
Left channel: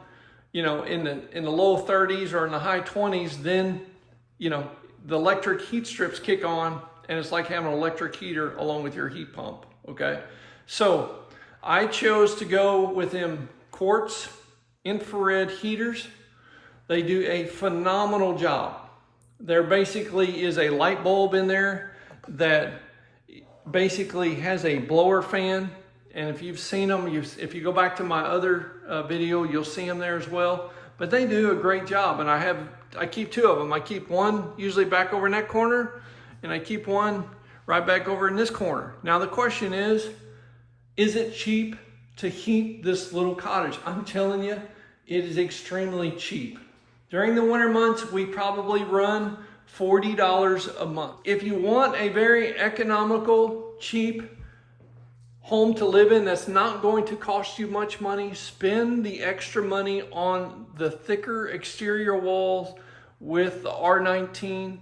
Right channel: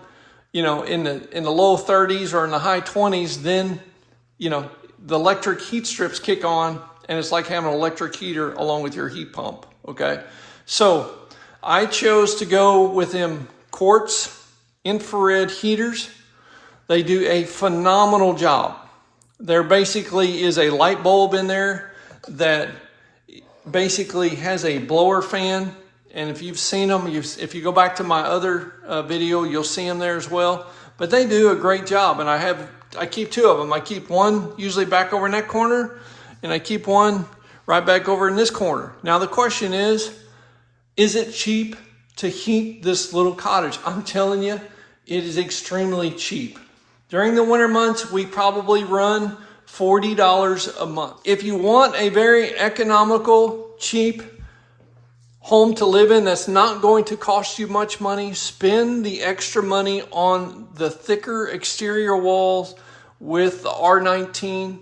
you know, in the low 30s or in the high 20s, then, you know, the electric heat strips kick on, and it's like having an electric heater along with your heat pump, okay? So I chose to go with them quartz infrared heaters. They do a phenomenal job. There basically is a light bulb in there that basically has a blower fan. And if you've seen them, if you go back to my other video, you'll see them there as well. But they do a great job. And I keep 2 of them. I keep one usually back over in that corner, and I keep one right back over in this corner. Now the question is it cheap to heat this little cottage? I'm telling you, it is extremely cheap. During the winter months, we probably run $40 a month. If you want a very economical, cheap home to live in that's not going to cost you much money, spend the extra money on the thicker exterior walls with the R19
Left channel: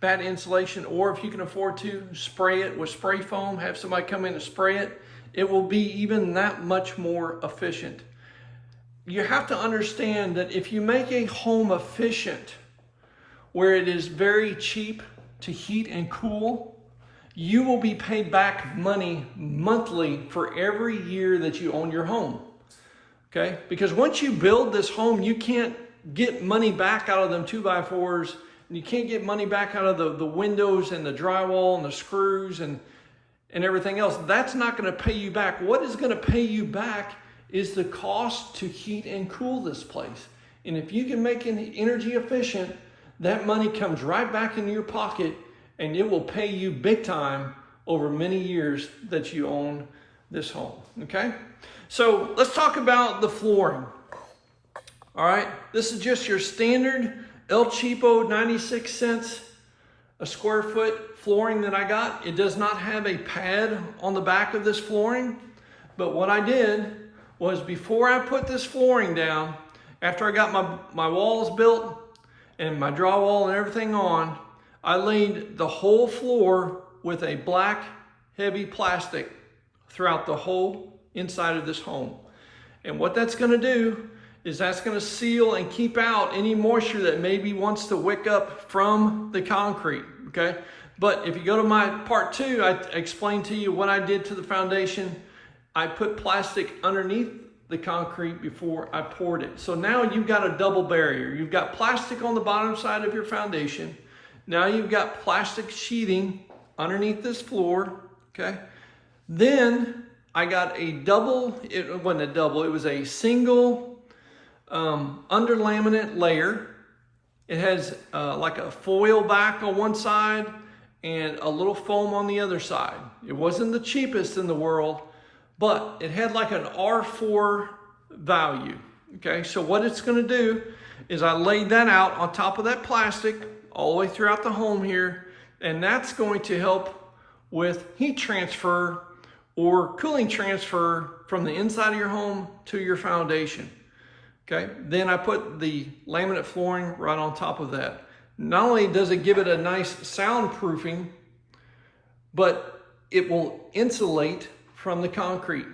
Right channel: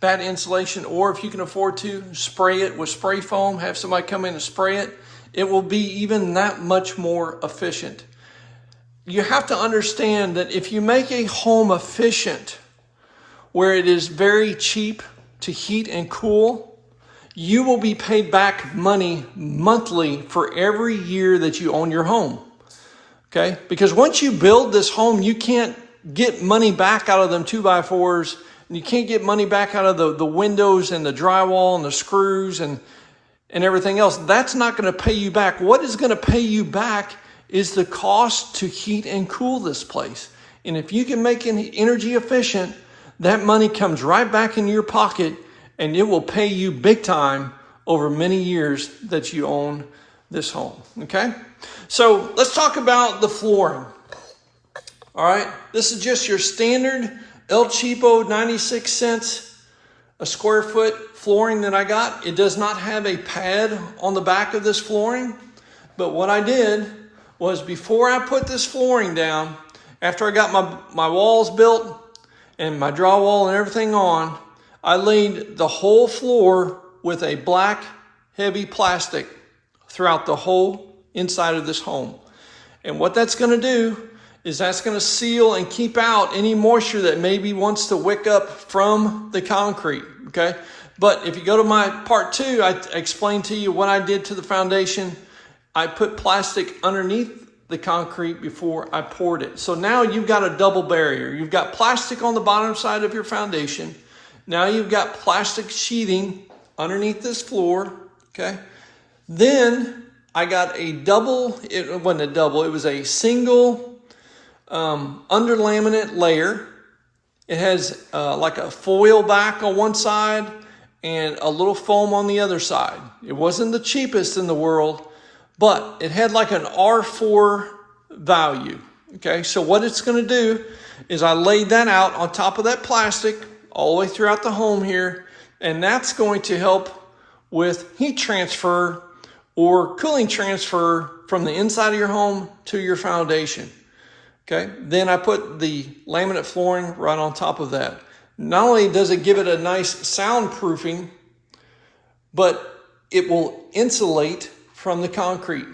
batt insulation, or if you can afford to, spray it with spray foam, have somebody come in and spray it. It will be even that much more efficient. You have to understand that if you make a home efficient where it is very cheap to heat and cool, you will be paid back money monthly for every year that you own your home, okay? Because once you build this home, you can't get money back out of them 2x4s, and you can't get money back out of the windows and the drywall and the screws and everything else. That's not gonna pay you back. What is gonna pay you back is the cost to heat and cool this place. And if you can make it energy efficient, that money comes right back into your pocket, and it will pay you big time over many years that you own this home, okay? So let's talk about the flooring. All right, this is just your standard El Cheapo 96 cents a square foot flooring that I got. It does not have a pad on the back of this flooring, but what I did was before I put this flooring down, after I got my walls built and my drywall and everything on, I laid the whole floor with a black heavy plastic throughout the whole inside of this home. And what that's gonna do is that's gonna seal and keep out any moisture that maybe wants to wick up from the concrete, okay? But if you go to my part 2, I explained to you what I did to the foundation. I put plastic underneath the concrete before I poured it. So now you've got a double barrier. You've got plastic on the bottom side of your foundation. Now you've got plastic sheathing underneath this floor, okay? Then I got a double, it wasn't a double, it was a single under laminate layer. It has like a foil back on one side and a little foam on the other side. It wasn't the cheapest in the world, but it had like an R4 value. Okay, so what it's gonna do is I laid that out on top of that plastic all the way throughout the home here, and that's going to help with heat transfer or cooling transfer from the inside of your home to your foundation. Okay, then I put the laminate flooring right on top of that. Not only does it give it a nice soundproofing, but it will insulate from the concrete,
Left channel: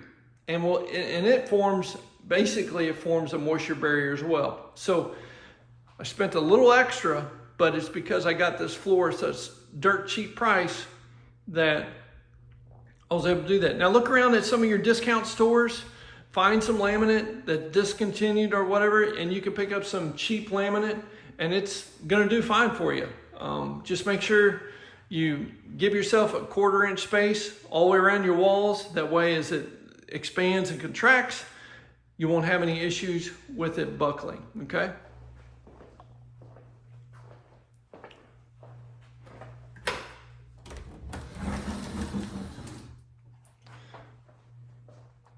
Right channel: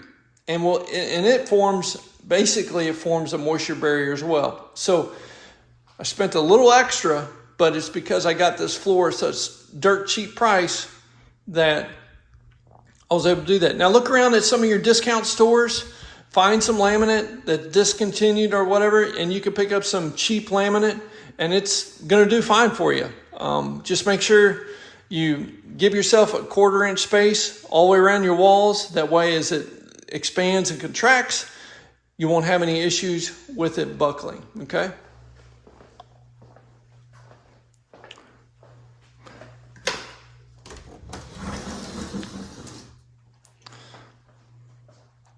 and it forms, basically it forms a moisture barrier as well. So I spent a little extra, but it's because I got this floor at such dirt cheap price that I was able to do that. Now look around at some of your discount stores, find some laminate that discontinued or whatever, and you can pick up some cheap laminate and it's gonna do fine for you. Just make sure you give yourself a 1/4 inch space all the way around your walls. That way as it expands and contracts, you won't have any issues with it buckling, okay?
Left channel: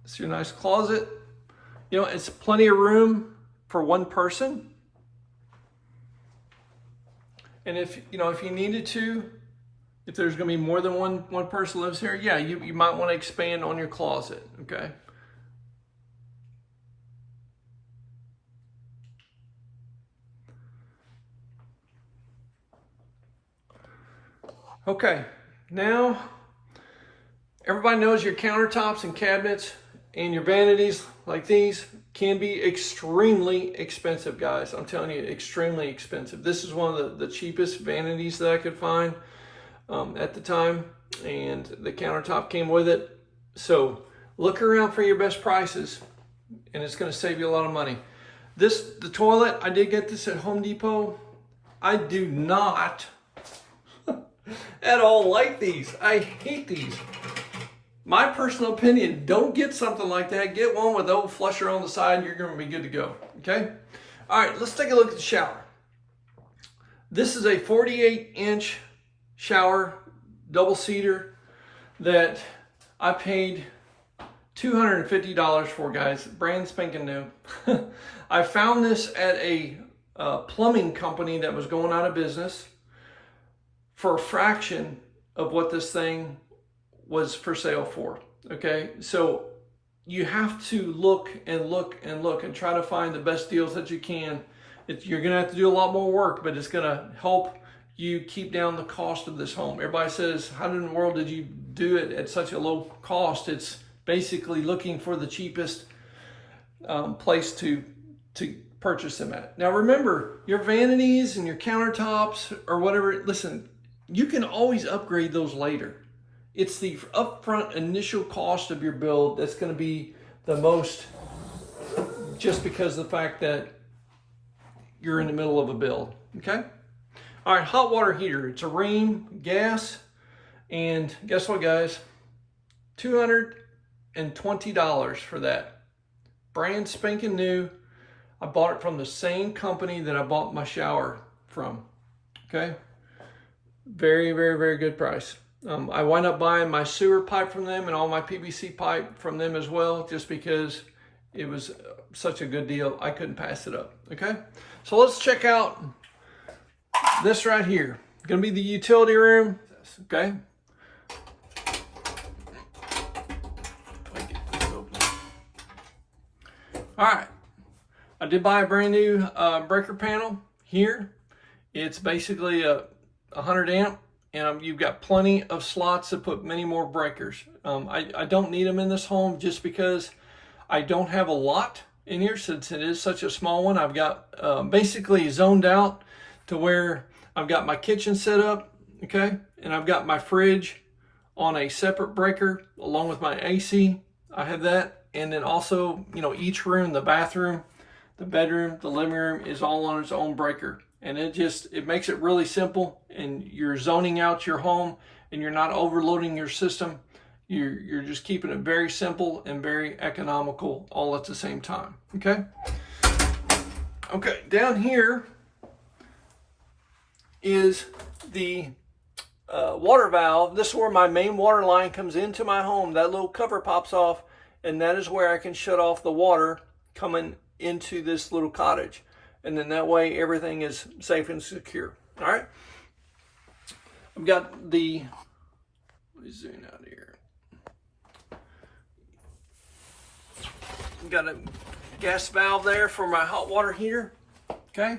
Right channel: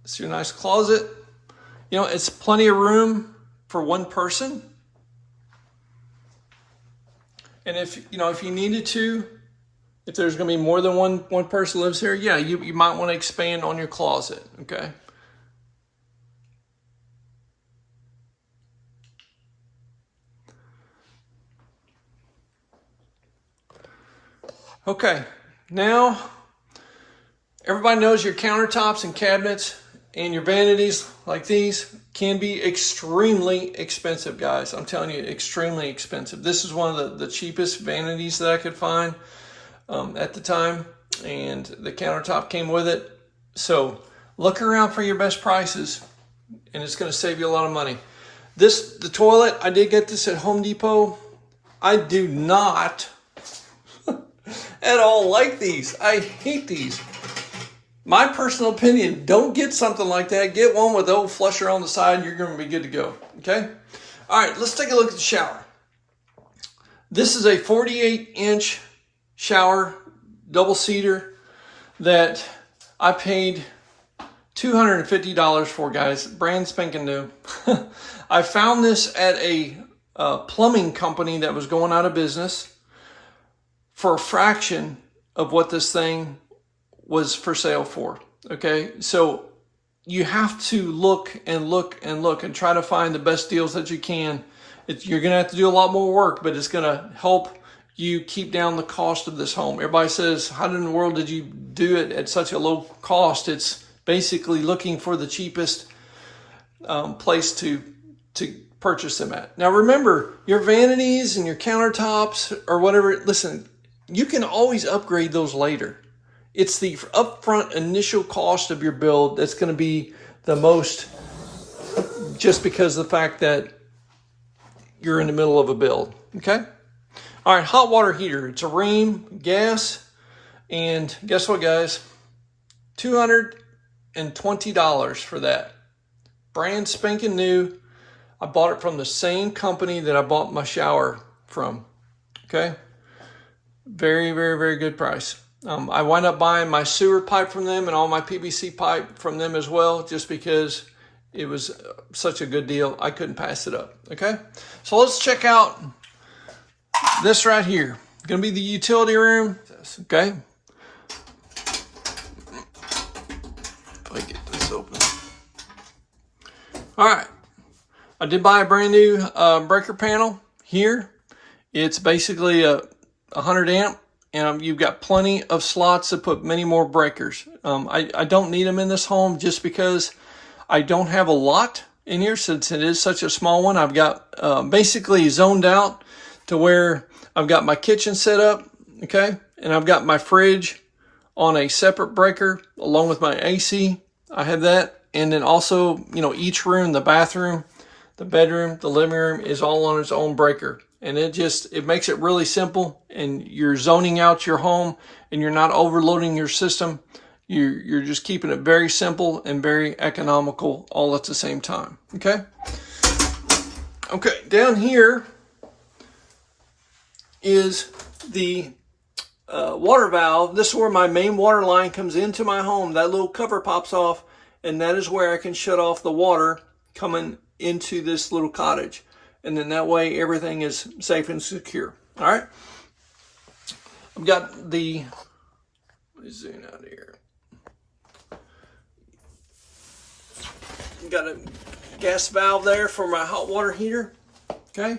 It's your nice closet. You know, it's plenty of room for one person. And if you needed to, if there's gonna be more than one person lives here, yeah, you might wanna expand on your closet, okay? Okay, now everybody knows your countertops and cabinets and your vanities like these can be extremely expensive, guys. I'm telling you, extremely expensive. This is one of the cheapest vanities that I could find at the time, and the countertop came with it. So look around for your best prices, and it's gonna save you a lot of money. The toilet, I did get this at Home Depot. I do not at all like these. I hate these. My personal opinion, don't get something like that. Get one with the old flusher on the side. You're going to be good to go, okay? All right, let's take a look at the shower. This is a 48-inch shower, double seater, that I paid $250 for, guys. Brand spanking new. I found this at a plumbing company that was going out of business for a fraction of what this thing was for sale for, okay? So you have to look and look and look and try to find the best deals that you can. You're gonna have to do a lot more work, but it's gonna help you keep down the cost of this home. Everybody says, how in the world did you do it at such a low cost? It's basically looking for the cheapest place to purchase them at. Now remember, your vanities and your countertops or whatever, listen, you can always upgrade those later. It's the upfront initial cost of your build that's going to be the most, just because of the fact that you're in the middle of a build, okay? All right, hot water heater. It's a Rheem gas, and guess what, guys? $220 for that. Brand spanking new. I bought it from the same company that I bought my shower from, okay? Very, very, very good price. I wound up buying my sewer pipe from them and all my PVC pipe from them as well, just because it was such a good deal. I couldn't pass it up, okay? So let's check out this right here. Gonna be the utility room, okay? Let me get this open. All right, I did buy a brand new breaker panel here. It's basically a 100 amp. And you've got plenty of slots to put many more breakers. I don't need them in this home just because I don't have a lot in here since it is such a small one. I've got basically zoned out to where I've got my kitchen set up, okay? And I've got my fridge on a separate breaker along with my AC. I have that. And then also, you know, each room, the bathroom, the bedroom, the living room is all on its own breaker. And it makes it really simple, and you're zoning out your home and you're not overloading your system. You're just keeping it very simple and very economical all at the same time. Okay. Okay, down here is the water valve. This is where my main water line comes into my home. That little cover pops off, and that is where I can shut off the water coming into this little cottage. And then that way everything is safe and secure. All right. I've got the, let me zoom out here. I've got a gas valve there for my hot water heater. Okay.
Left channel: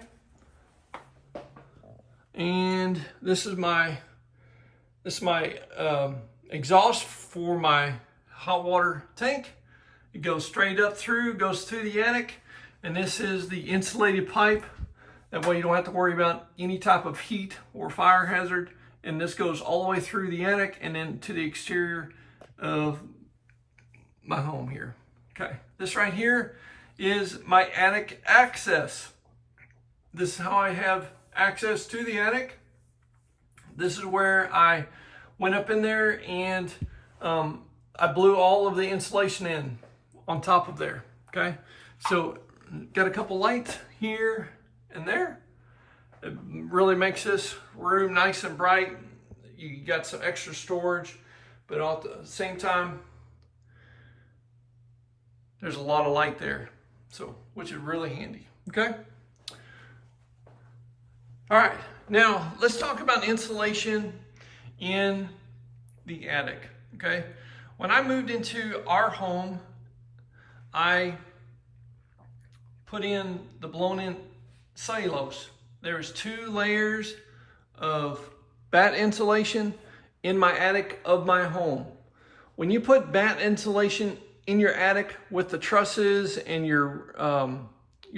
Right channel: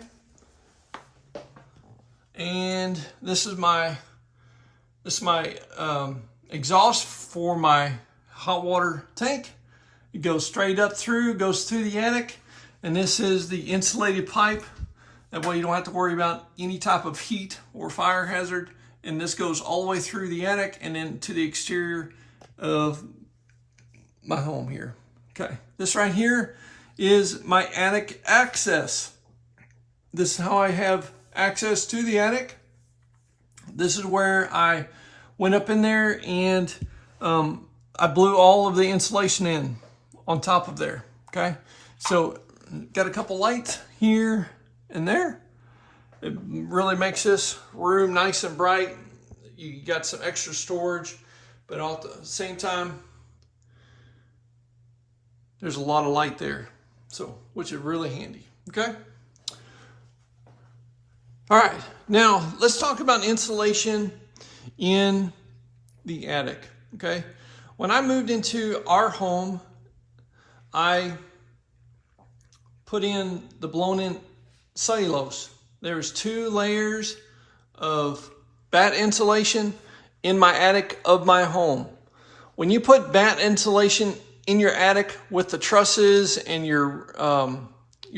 And this is my exhaust for my hot water tank. It goes straight up through, goes through the attic, and this is the insulated pipe. That way you don't have to worry about any type of heat or fire hazard. And this goes all the way through the attic and then to the exterior of my home here. Okay, this right here is my attic access. This is how I have access to the attic. This is where I went up in there and I blew all of the insulation in on top of there. Okay, so got a couple lights here and there. It really makes this room nice and bright. You got some extra storage, but at the same time, there's a lot of light there, so which is really handy. Okay. All right, now let's talk about insulation in the attic. Okay, when I moved into our home, I put in the blown-in cellulose. There's 2 layers of batt insulation in my attic of my home. When you put batt insulation in your attic with the trusses and your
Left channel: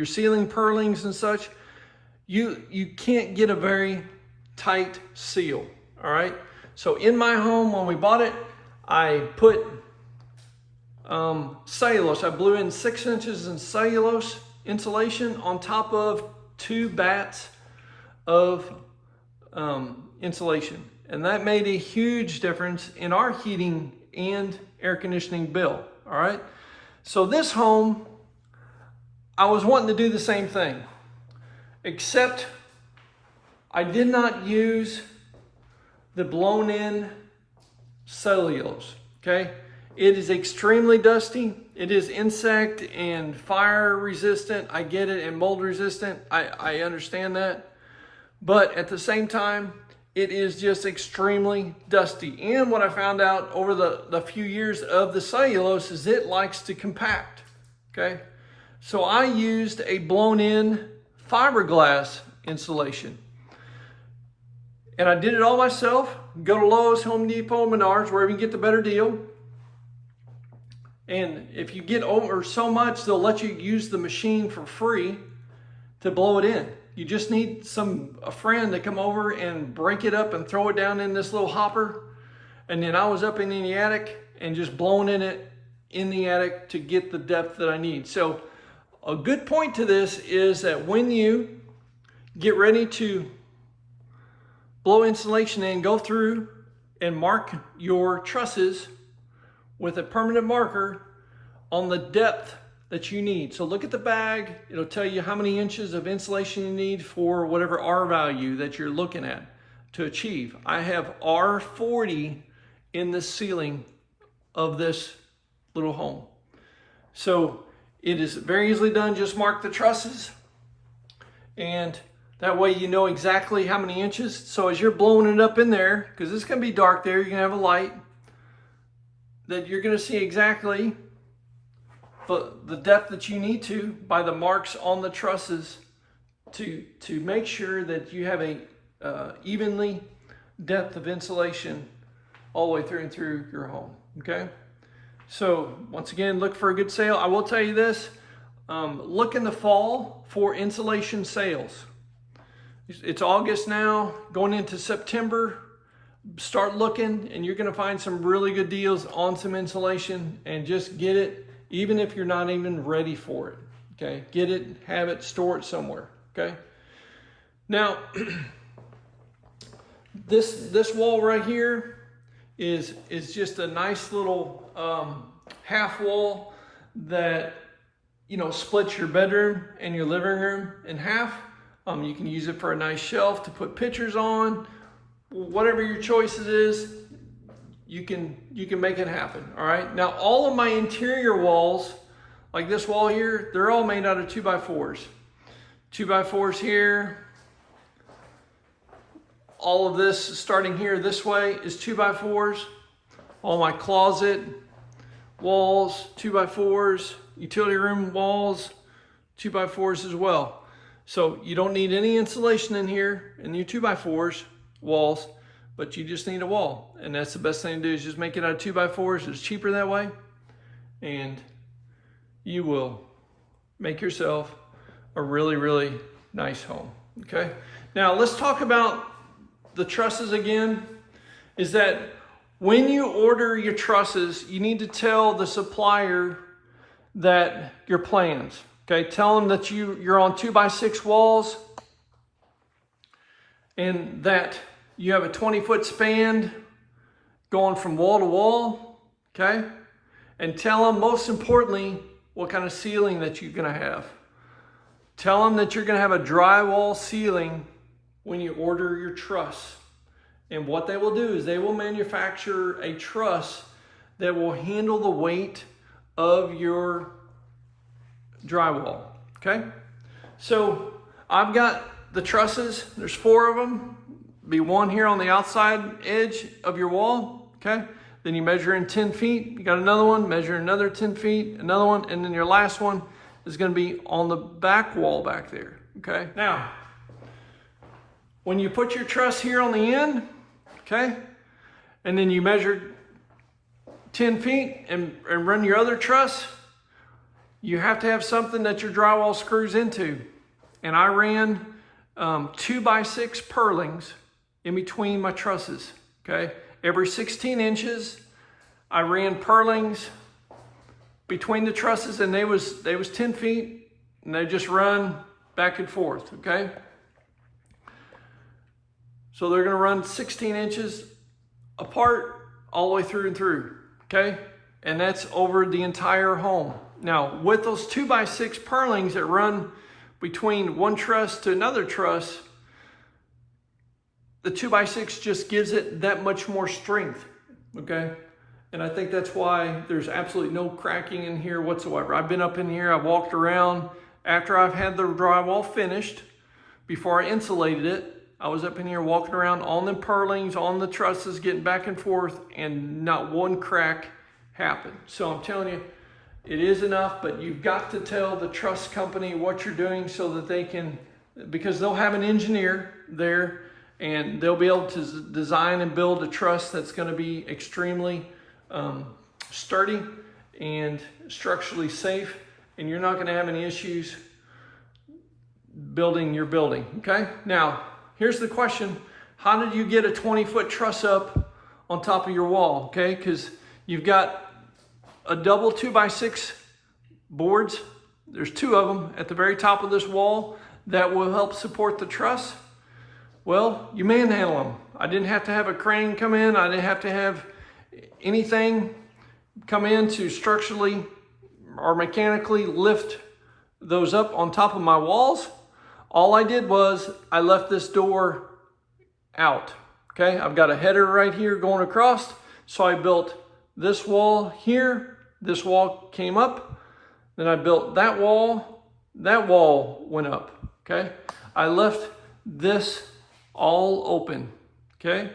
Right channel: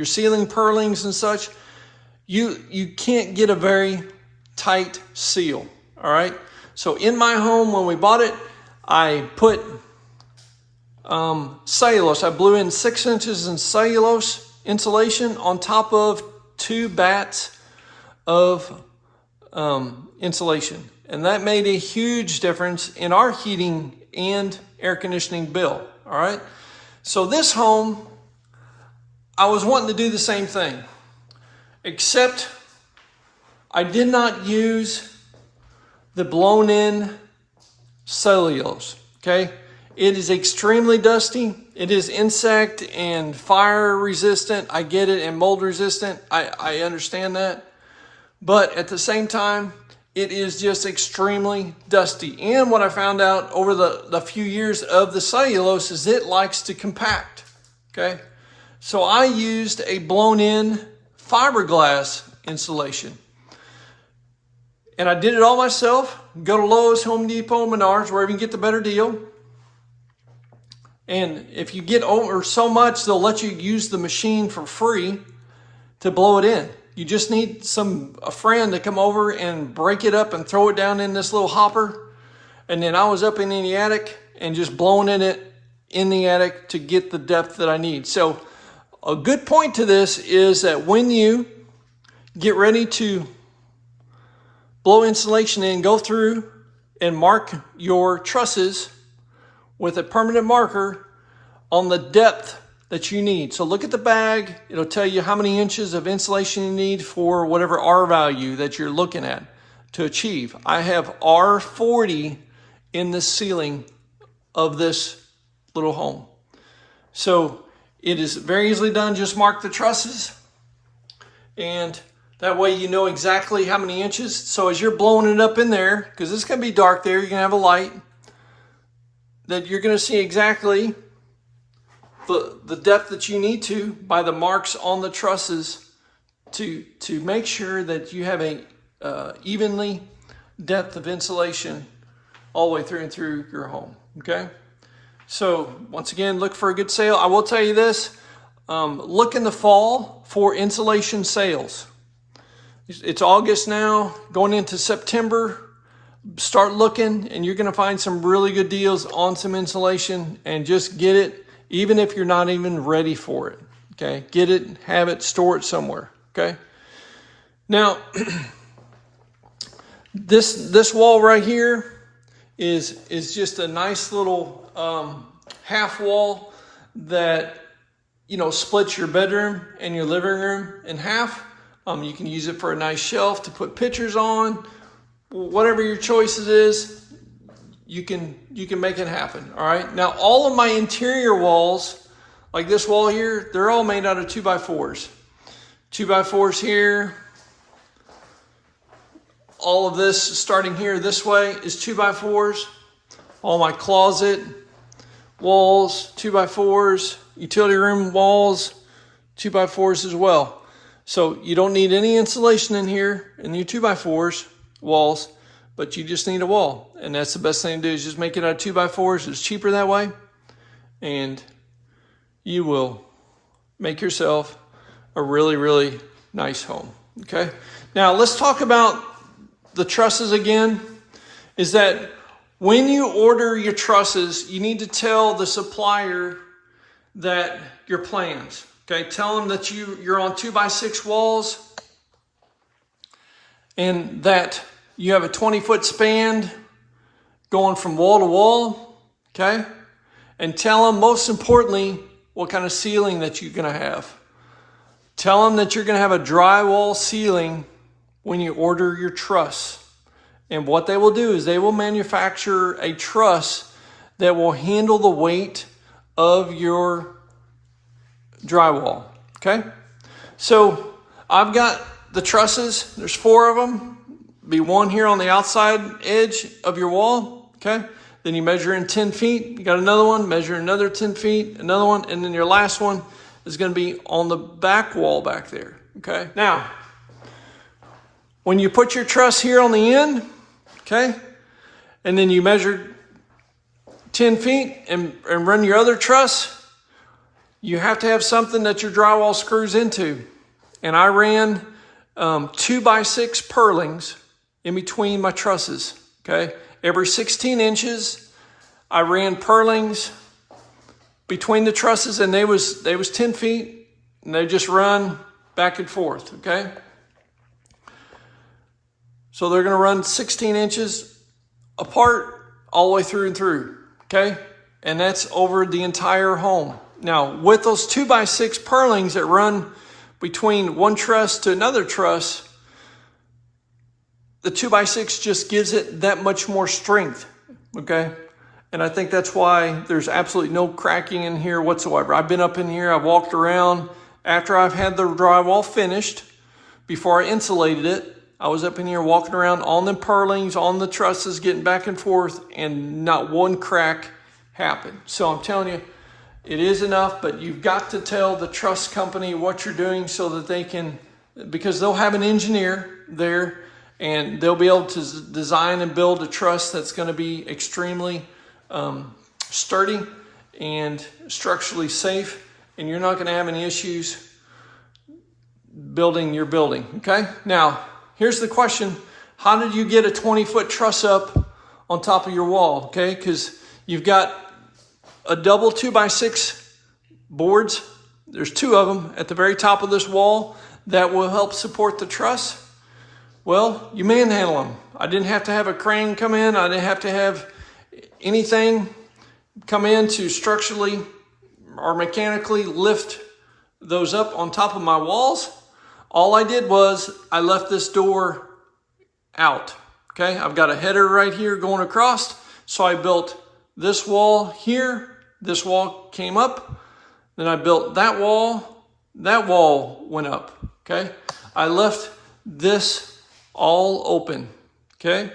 ceiling purlings and such, you can't get a very tight seal. All right. So in my home, when we bought it, I put cellulose. I blew in 6 inches in cellulose insulation on top of 2 batts of insulation, and that made a huge difference in our heating and air conditioning bill. All right, so this home, I was wanting to do the same thing, except I did not use the blown in cellulose. Okay, it is extremely dusty. It is insect and fire resistant. I get it, and mold resistant. I understand that. But at the same time, it is just extremely dusty. And what I found out over the few years of the cellulose is it likes to compact. Okay. So I used a blown in fiberglass insulation. And I did it all myself. Go to Lowe's, Home Depot, Menards, wherever you can get the better deal. And if you get over so much, they'll let you use the machine for free to blow it in. You just need a friend to come over and break it up and throw it down in this little hopper. And then I was up in the attic and just blowing in it in the attic to get the depth that I need. So a good point to this is that when you get ready to blow insulation in, go through and mark your trusses with a permanent marker on the depth that you need. So look at the bag. It'll tell you how many inches of insulation you need for whatever R value that you're looking at to achieve. I have R40 in the ceiling of this little home. So it is very easily done. Just mark the trusses, and that way you know exactly how many inches. So as you're blowing it up in there, because it's going to be dark there, you're going to have a light, that you're going to see exactly the depth that you need to by the marks on the trusses to make sure that you have a evenly depth of insulation all the way through and through your home. Okay. So once again, look for a good sale. I will tell you this, look in the fall for insulation sales. It's August now, going into September. Start looking, and you're going to find some really good deals on some insulation, and just get it, even if you're not even ready for it. Okay, get it, have it, store it somewhere. Okay. Now, this wall right here is just a nice little half wall that, you know, splits your bedroom and your living room in half. You can use it for a nice shelf to put pictures on. Whatever your choices is, you can make it happen. All right. Now, all of my interior walls, like this wall here, they're all made out of 2x4s. 2x4s here. All of this starting here this way is 2x4s. All my closet walls, 2x4s. Utility room walls, 2x4s as well. So you don't need any insulation in here in your 2x4s walls, but you just need a wall. And that's the best thing to do, is just make it out of 2x4s. It's cheaper that way. And you will make yourself a really, really nice home. Okay. Now let's talk about the trusses again. Is that when you order your trusses, you need to tell the supplier that your plans. Okay, tell them that you're on 2x6 walls and that you have a 20-foot span going from wall to wall. Okay, and tell them, most importantly, what kind of ceiling that you're going to have. Tell them that you're going to have a drywall ceiling when you order your truss. And what they will do is they will manufacture a truss that will handle the weight of your drywall. Okay, so I've got the trusses. There's 4 of them. Be one here on the outside edge of your wall. Okay, then you measure in 10 feet. You got another one, measure another 10 feet, another one, and then your last one is going to be on the back wall back there. Okay, now when you put your truss here on the end, okay, and then you measure 10 feet and run your other truss, you have to have something that your drywall screws into. And I ran 2x6 purlings in between my trusses. Okay, every 16 inches, I ran purlings between the trusses, and they was 10 feet, and they just run back and forth. Okay, so they're going to run 16 inches apart all the way through and through. Okay, and that's over the entire home. Now, with those 2x6 purlings that run between one truss to another truss, the 2x6 just gives it that much more strength. Okay, and I think that's why there's absolutely no cracking in here whatsoever. I've been up in here, I've walked around after I've had the drywall finished. Before I insulated it, I was up in here walking around on the purlings, on the trusses, getting back and forth, and not one crack happened. So I'm telling you, it is enough, but you've got to tell the truss company what you're doing so that they can, because they'll have an engineer there and they'll be able to design and build a truss that's going to be extremely sturdy and structurally safe, and you're not going to have any issues building your building. Okay, now here's the question: how did you get a 20-foot truss up on top of your wall? Okay, because you've got a double 2x6 boards. There's 2 of them at the very top of this wall that will help support the truss. Well, you manhandle them. I didn't have to have a crane come in. I didn't have to have anything come in to structurally or mechanically lift those up on top of my walls. All I did was I left this door out. Okay, I've got a header right here going across. So I built this wall here. This wall came up. Then I built that wall. That wall went up. Okay, I left this all open. Okay,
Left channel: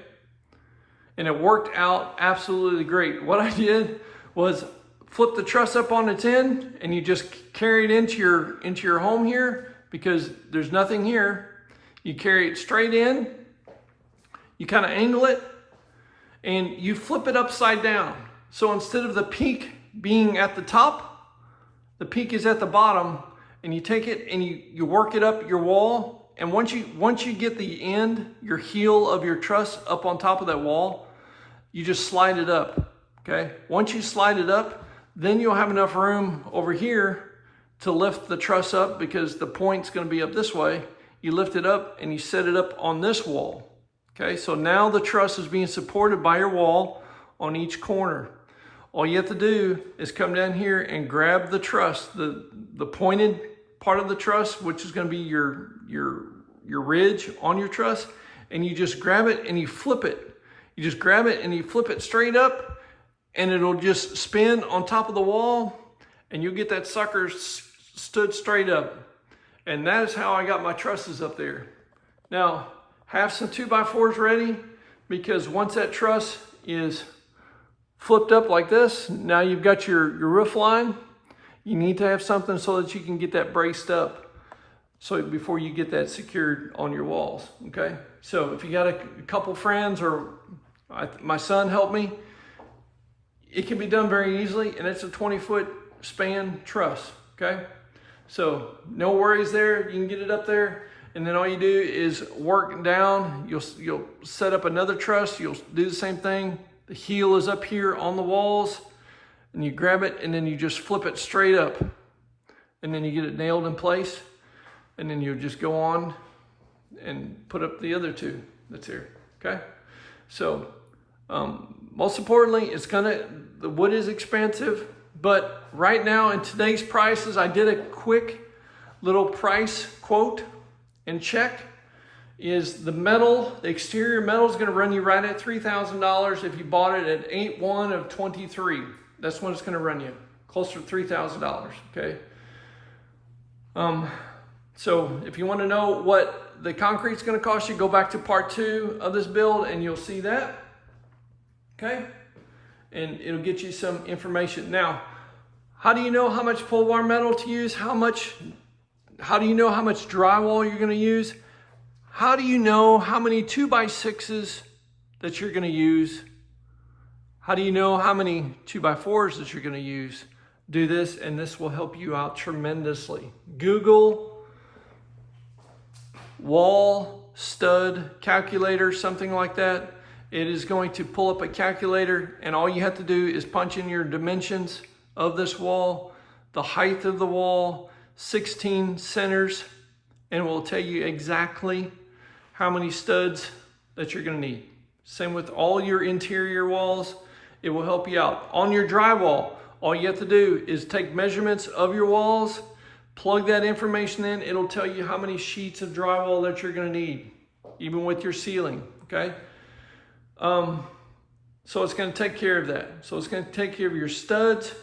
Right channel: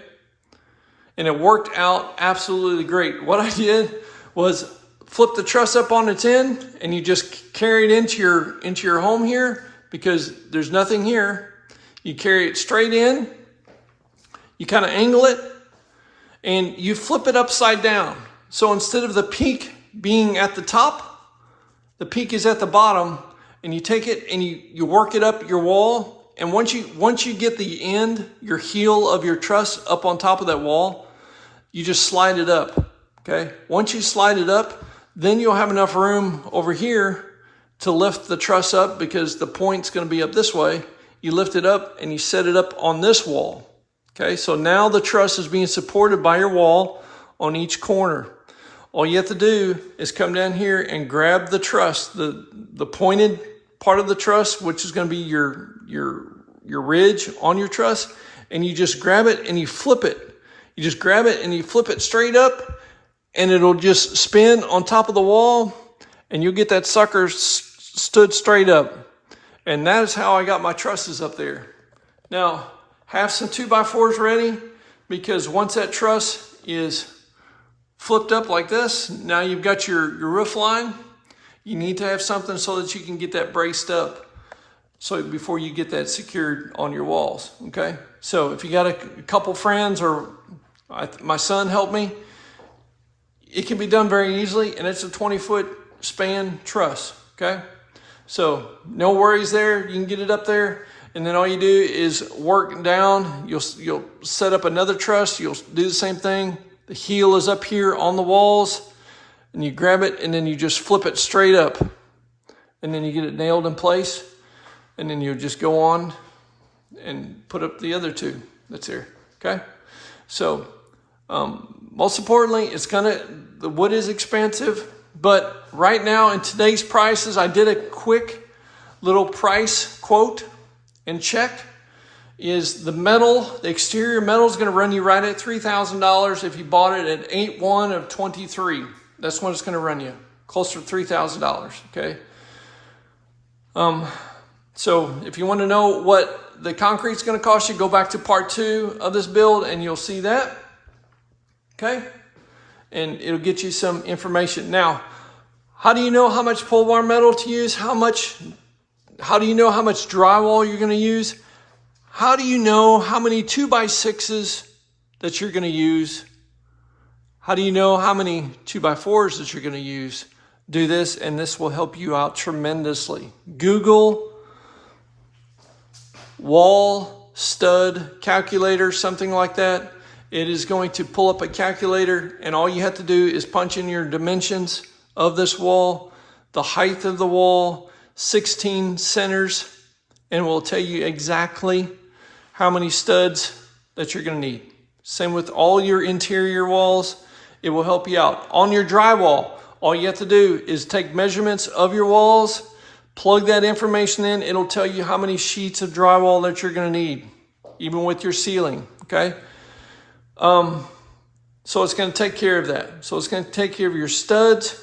and it worked out absolutely great. What I did was flip the truss up on its end, and you just carry it into your home here, because there's nothing here. You carry it straight in, you kind of angle it, and you flip it upside down. So instead of the peak being at the top, the peak is at the bottom, and you take it and you work it up your wall. And once you get the end, your heel of your truss up on top of that wall, you just slide it up. Okay, once you slide it up, then you'll have enough room over here to lift the truss up, because the point's going to be up this way. You lift it up and you set it up on this wall. Okay, so now the truss is being supported by your wall on each corner. All you have to do is come down here and grab the truss, the pointed part of the truss, which is going to be your ridge on your truss, and you just grab it and you flip it. You just grab it and you flip it straight up, and it'll just spin on top of the wall, and you'll get that sucker stood straight up. And that is how I got my trusses up there. Now, have some 2x4s ready, because once that truss is flipped up like this, now you've got your roof line. You need to have something so that you can get that braced up, so before you get that secured on your walls, okay? So if you got a couple friends, or my son helped me, it can be done very easily, and it's a 20-foot span truss, okay? So no worries there, you can get it up there, and then all you do is work down. You'll set up another truss, you'll do the same thing. The heel is up here on the walls, and you grab it, and then you just flip it straight up, and then you get it nailed in place, and then you'll just go on and put up the other two that's there, okay? So most importantly, the wood is expensive, but right now in today's prices, I did a quick little price quote and check. Is the exterior metal is going to run you right at $3,000 if you bought it at 8/1 of 23. That's what it's going to run you, closer to $3,000, okay? So if you want to know what the concrete's going to cost you, go back to part 2 of this build and you'll see that, okay? And it'll get you some information. Now, how do you know how much pole barn metal to use? How do you know how much drywall you're going to use? How do you know how many 2x6s that you're going to use? How do you know how many 2x4s that you're going to use? Do this, and this will help you out tremendously. Google wall stud calculator, something like that. It is going to pull up a calculator, and all you have to do is punch in your dimensions of this wall, the height of the wall, 16 centers, and it will tell you exactly how many studs that you're going to need. Same with all your interior walls. It will help you out. On your drywall, all you have to do is take measurements of your walls, plug that information in. It'll tell you how many sheets of drywall that you're going to need, even with your ceiling, okay? So it's going to take care of that. So it's going to take care of your studs,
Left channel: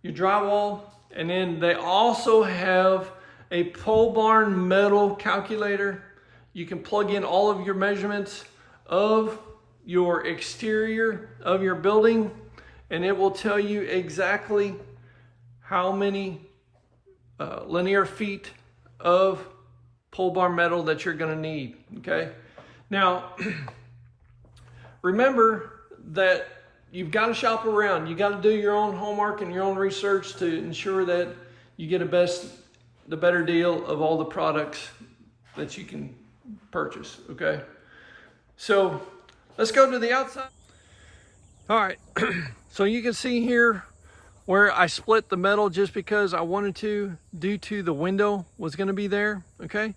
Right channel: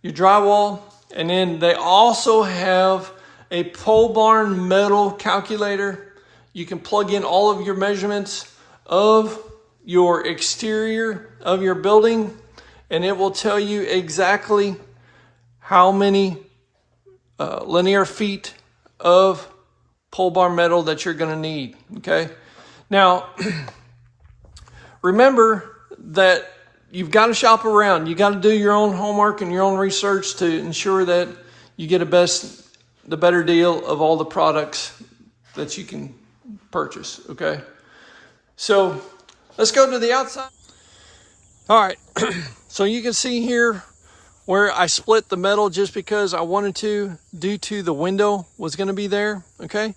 your drywall, and then they also have a pole barn metal calculator. You can plug in all of your measurements of your exterior of your building, and it will tell you exactly how many linear feet of pole barn metal that you're going to need, okay? Now, remember that you've got to shop around. You got to do your own homework and your own research to ensure that you get the better deal of all the products that you can purchase, okay? So let's go to the outside. All right, so you can see here where I split the metal just because I wanted to, due to the window was going to be there, okay?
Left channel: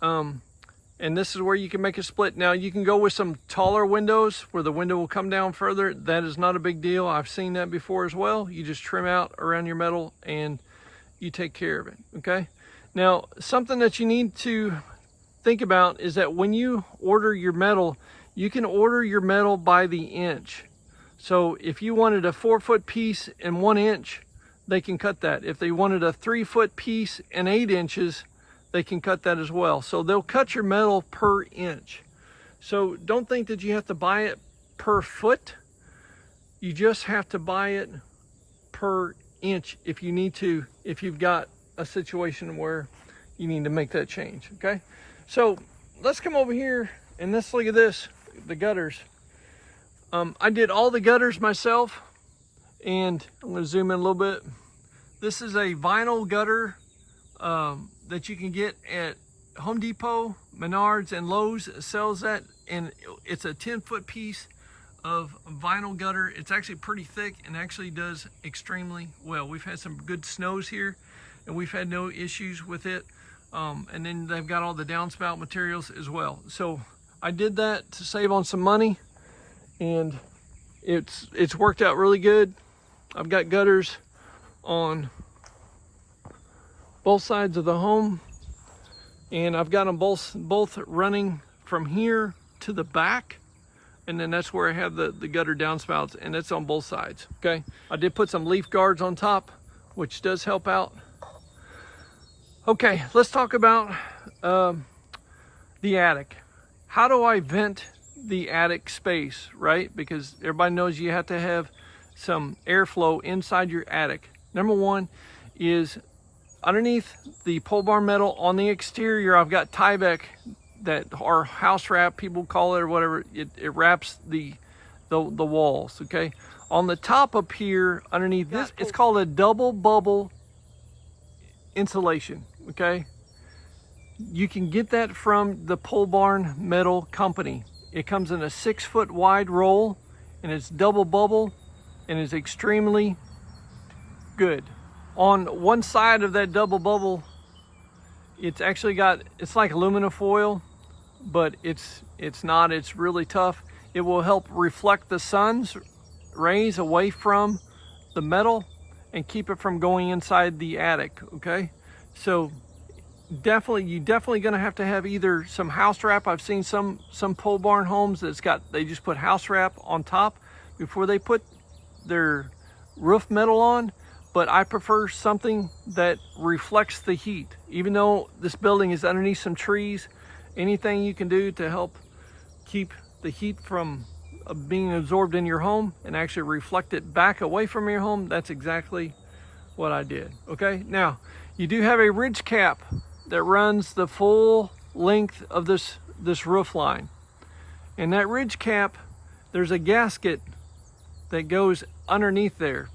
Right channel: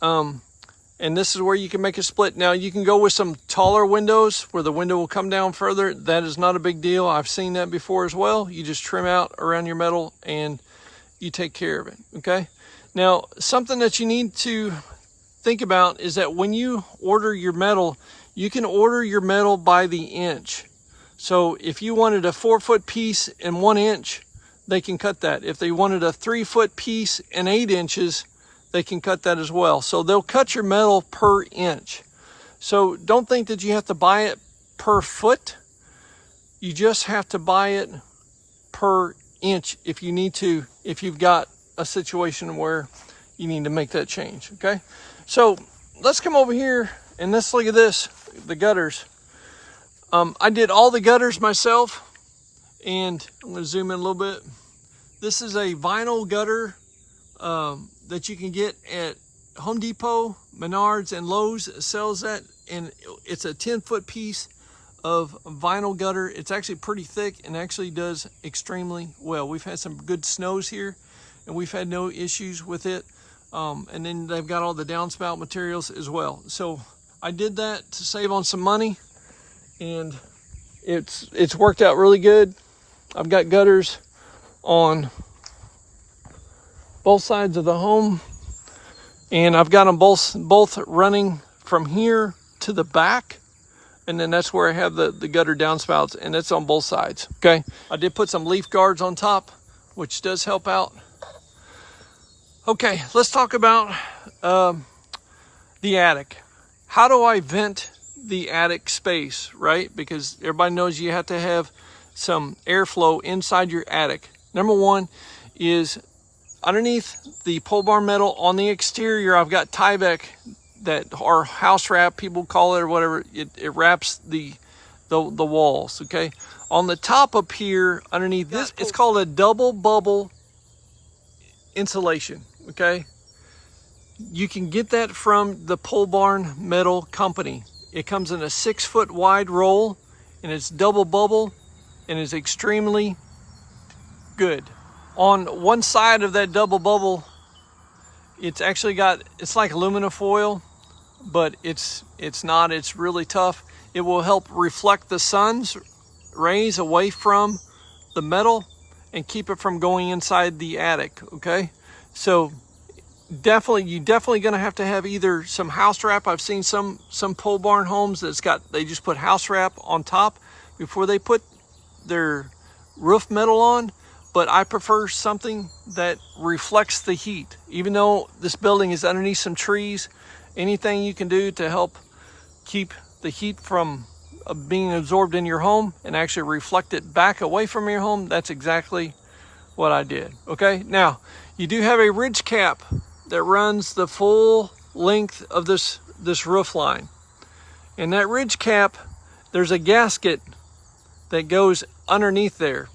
And this is where you can make a split. Now you can go with some taller windows where the window will come down further. That is not a big deal. I've seen that before as well. You just trim out around your metal and you take care of it, okay? Now, something that you need to think about is that when you order your metal, you can order your metal by the inch. So if you wanted a 4-foot piece and 1 inch, they can cut that. If they wanted a 3-foot piece and 8 inches, they can cut that as well. So they'll cut your metal per inch. So don't think that you have to buy it per foot. You just have to buy it per inch if you need to, if you've got a situation where you need to make that change, okay? So let's come over here and let's look at this, the gutters. I did all the gutters myself, and I'm gonna zoom in a little bit. This is a vinyl gutter that you can get at Home Depot, Menards, and Lowe's sells that, and it's a 10-foot piece of vinyl gutter. It's actually pretty thick and actually does extremely well. We've had some good snows here, and we've had no issues with it. And then they've got all the downspout materials as well. So I did that to save on some money, and it's worked out really good. I've got gutters on both sides of the home, and I've got them both running from here to the back, and then that's where I have the gutter downspouts, and it's on both sides. Okay, I did put some leaf guards on top, which does help out. Okay, let's talk about the attic. How do I vent the attic space, right? Because everybody knows you have to have some airflow inside your attic. Number one is underneath the pole barn metal on the exterior, I've got Tyvek, that, or house wrap, people call it, or whatever. It wraps the walls, okay? On the top up here, underneath this, it's called a double bubble insulation, okay? You can get that from the pole barn metal company. It comes in a 6-foot wide roll, and it's double bubble, and it's extremely good. On one side of that double bubble, it's actually got, it's like aluminum foil, but it's not, it's really tough. It will help reflect the sun's rays away from the metal and keep it from going inside the attic, okay? So you're definitely gonna have to have either some house wrap. I've seen some pole barn homes they just put house wrap on top before they put their roof metal on, but I prefer something that reflects the heat. Even though this building is underneath some trees, anything you can do to help keep the heat from being absorbed in your home and actually reflect it back away from your home, that's exactly what I did, okay? Now, you do have a ridge cap that runs the full length of this roof line. And that ridge cap, there's a gasket that goes underneath there.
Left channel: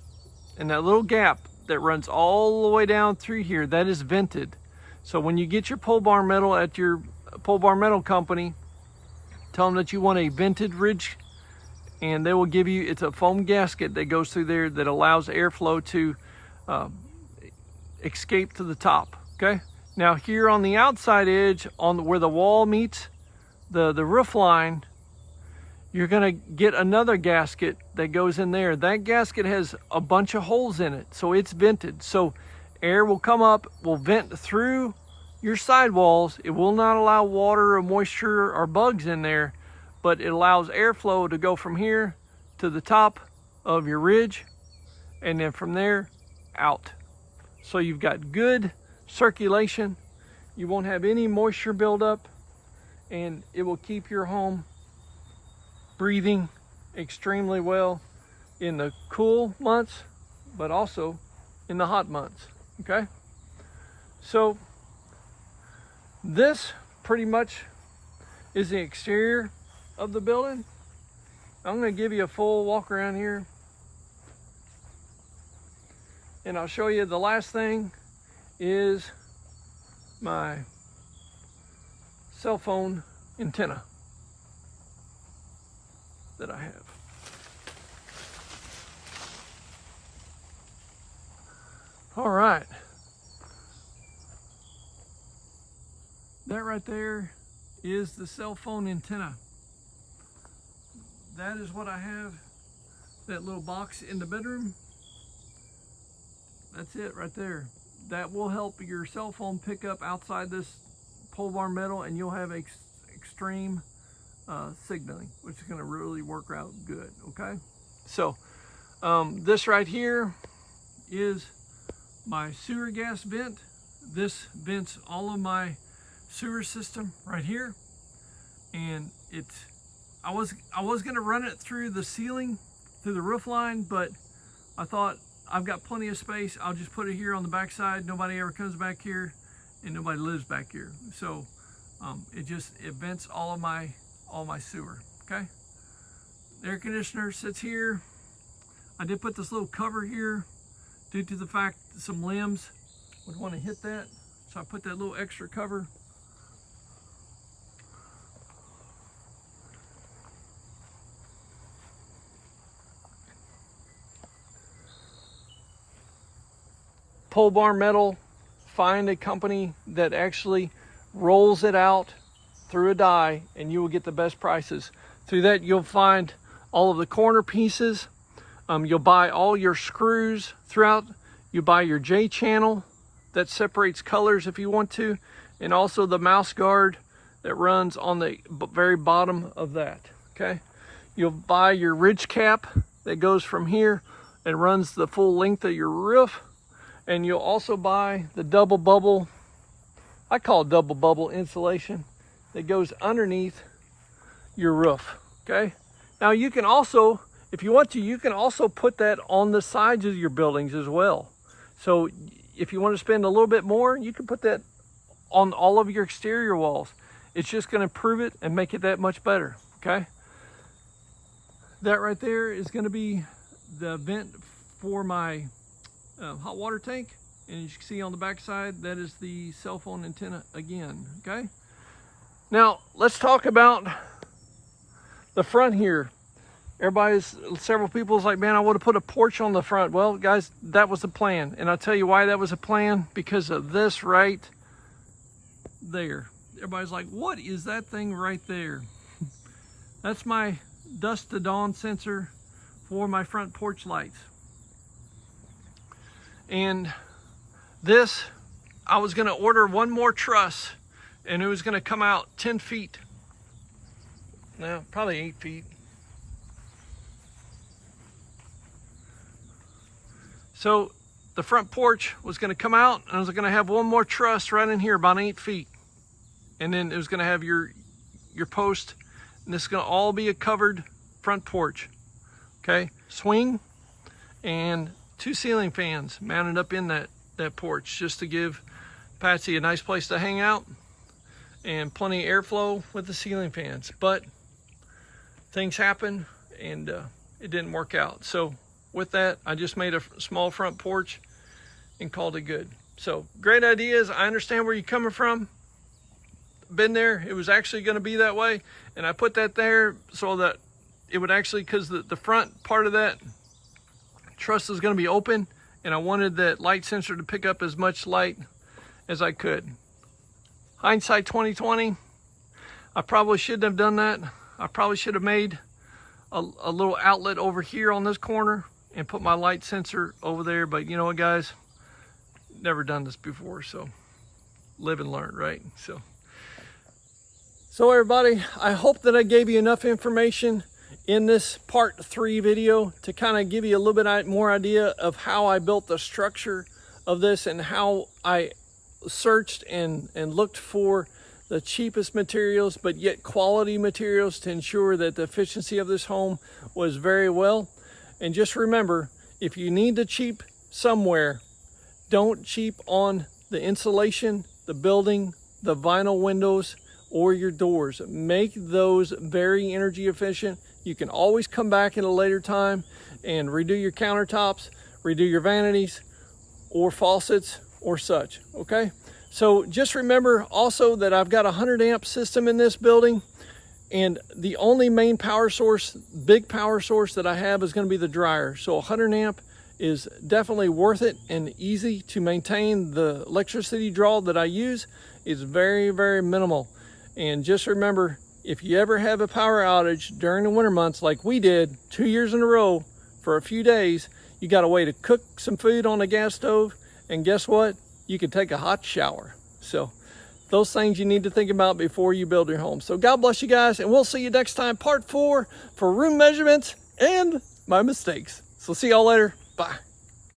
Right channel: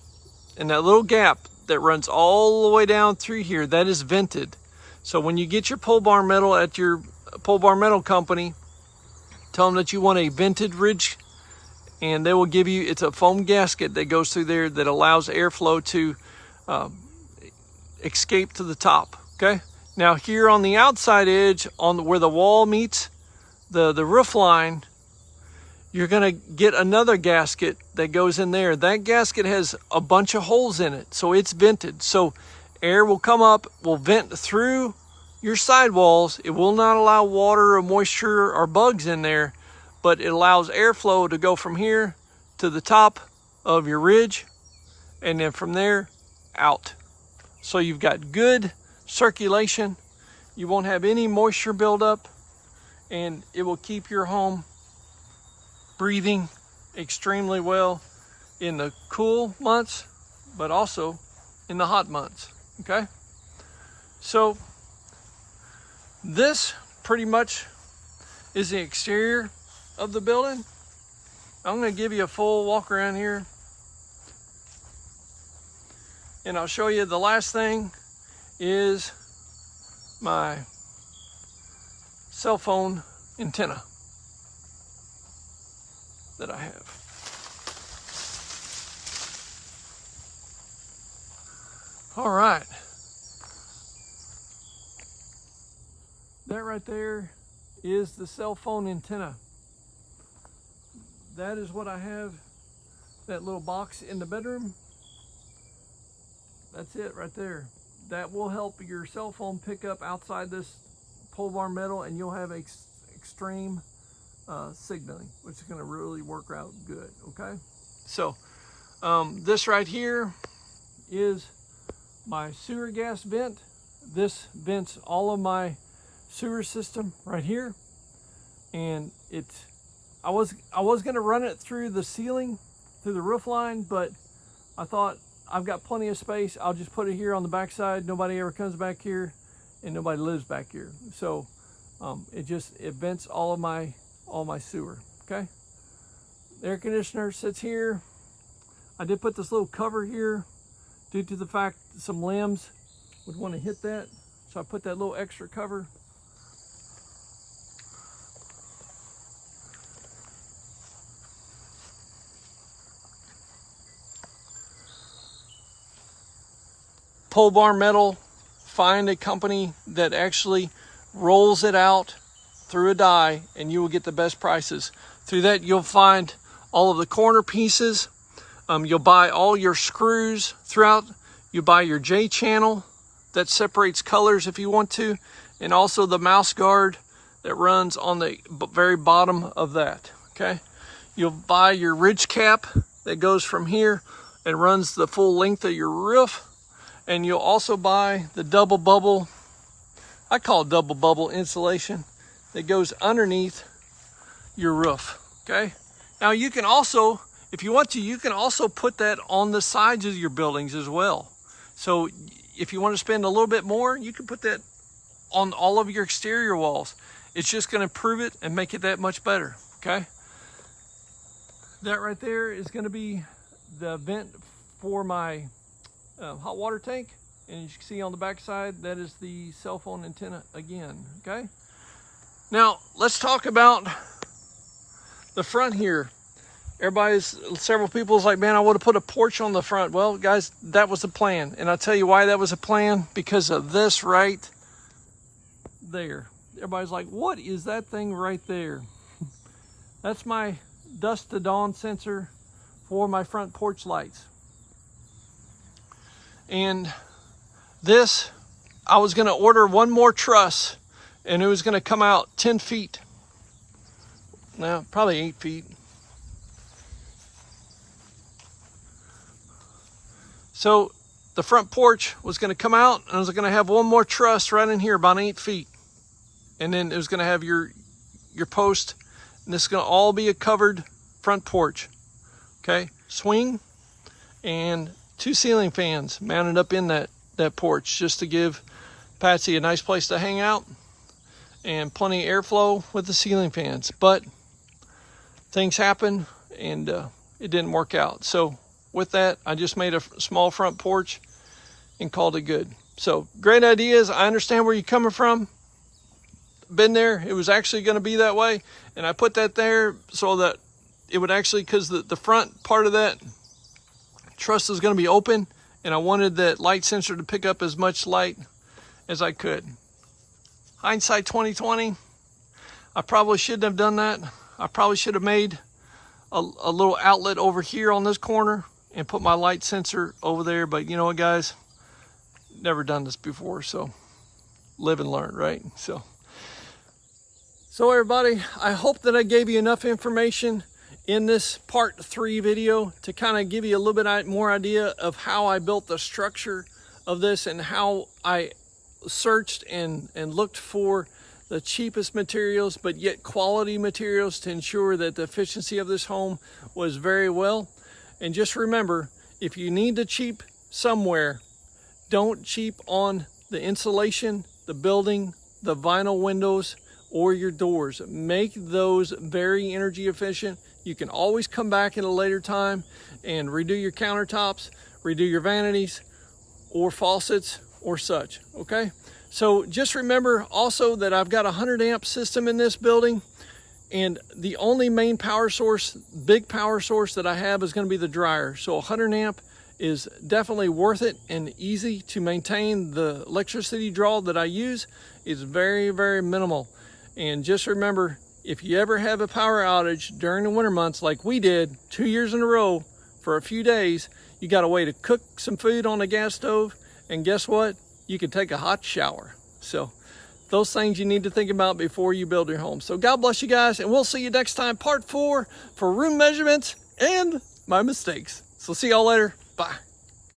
And that little gap that runs all the way down through here, that is vented. So when you get your pole barn metal at your pole barn metal company, tell them that you want a vented ridge, and they will give you, it's a foam gasket that goes through there that allows airflow to escape to the top, okay? Now here on the outside edge, where the wall meets the roof line, you're gonna get another gasket that goes in there. That gasket has a bunch of holes in it, so it's vented. So air will come up, will vent through your sidewalls. It will not allow water or moisture or bugs in there, but it allows airflow to go from here to the top of your ridge, and then from there out. So you've got good circulation. You won't have any moisture buildup, and it will keep your home breathing extremely well in the cool months, but also in the hot months, okay? So this pretty much is the exterior of the building. I'm gonna give you a full walk around here, and I'll show you the last thing is my cell phone antenna that I have. All right. That right there is the cell phone antenna. That is what I have, that little box in the bedroom. That's it right there. That will help your cell phone pick up outside this pole barn metal, and you'll have extreme signaling, which is going to really work out good, okay? So this right here is my sewer gas vent. This vents all of my sewer system right here, and I was going to run it through the ceiling, through the roof line, but I thought I've got plenty of space. I'll just put it here on the backside. Nobody ever comes back here, and nobody lives back here. So it vents all my sewer, okay? The air conditioner sits here. I did put this little cover here due to the fact that some limbs would want to hit that. So I put that little extra cover. Pole barn metal, find a company that actually rolls it out through a die, and you will get the best prices. Through that, you'll find all of the corner pieces. You'll buy all your screws throughout. You buy your J-channel that separates colors if you want to, and also the mouse guard that runs on the very bottom of that, okay? You'll buy your ridge cap that goes from here and runs the full length of your roof. And you'll also buy the double bubble, I call it double bubble insulation, that goes underneath your roof, okay? Now you can also, if you want to, you can also put that on the sides of your buildings as well. So if you want to spend a little bit more, you can put that on all of your exterior walls. It's just going to improve it and make it that much better, okay? That right there is going to be the vent for my hot water tank. And as you can see on the back side, that is the cell phone antenna again, okay? Now, let's talk about the front here. Several people's like, man, I would have put a porch on the front. Well, guys, that was the plan. And I'll tell you why that was a plan, because of this right there. Everybody's like, what is that thing right there? That's my dusk to dawn sensor for my front porch lights. And this, I was gonna order one more truss, and it was gonna come out 10 feet. Now, probably 8 feet. So the front porch was going to come out, and I was going to have one more truss right in here, about 8 feet. And then it was going to have your post, and this is going to all be a covered front porch. Okay, swing and 2 ceiling fans mounted up in that porch, just to give Patsy a nice place to hang out and plenty of airflow with the ceiling fans. But things happen, and it didn't work out. So with that, I just made a small front porch and called it good. So great ideas. I understand where you're coming from. Been there. It was actually going to be that way, and I put that there so that it would actually, because the front part of that truss is going to be open, and I wanted that light sensor to pick up as much light as I could. Hindsight 2020, I probably shouldn't have done that. I probably should have made a little outlet over here on this corner and put my light sensor over there. But you know what, guys? Never done this before, so live and learn, right? So everybody, I hope that I gave you enough information in this part 3 video to kind of give you a little bit more idea of how I built the structure of this, and how I searched and looked for the cheapest materials, but yet quality materials, to ensure that the efficiency of this home was very well. And just remember, if you need to cheap somewhere, don't cheap on the insulation, the building, the vinyl windows, or your doors. Make those very energy efficient. You can always come back at a later time and redo your countertops, redo your vanities or faucets or such, okay? So just remember also that I've got a 100 amp system in this building, and the only main power source, big power source that I have, is going to be the dryer. So 100 amp is definitely worth it and easy to maintain. The electricity draw that I use is very, very minimal. And just remember, if you ever have a power outage during the winter months like we did 2 years in a row for a few days, you got a way to cook some food on the gas stove, and guess what? You can take a hot shower. So those things you need to think about before you build your home. So God bless you guys, and we'll see you next time, part 4 for room measurements and my mistakes. So see y'all later. Bye.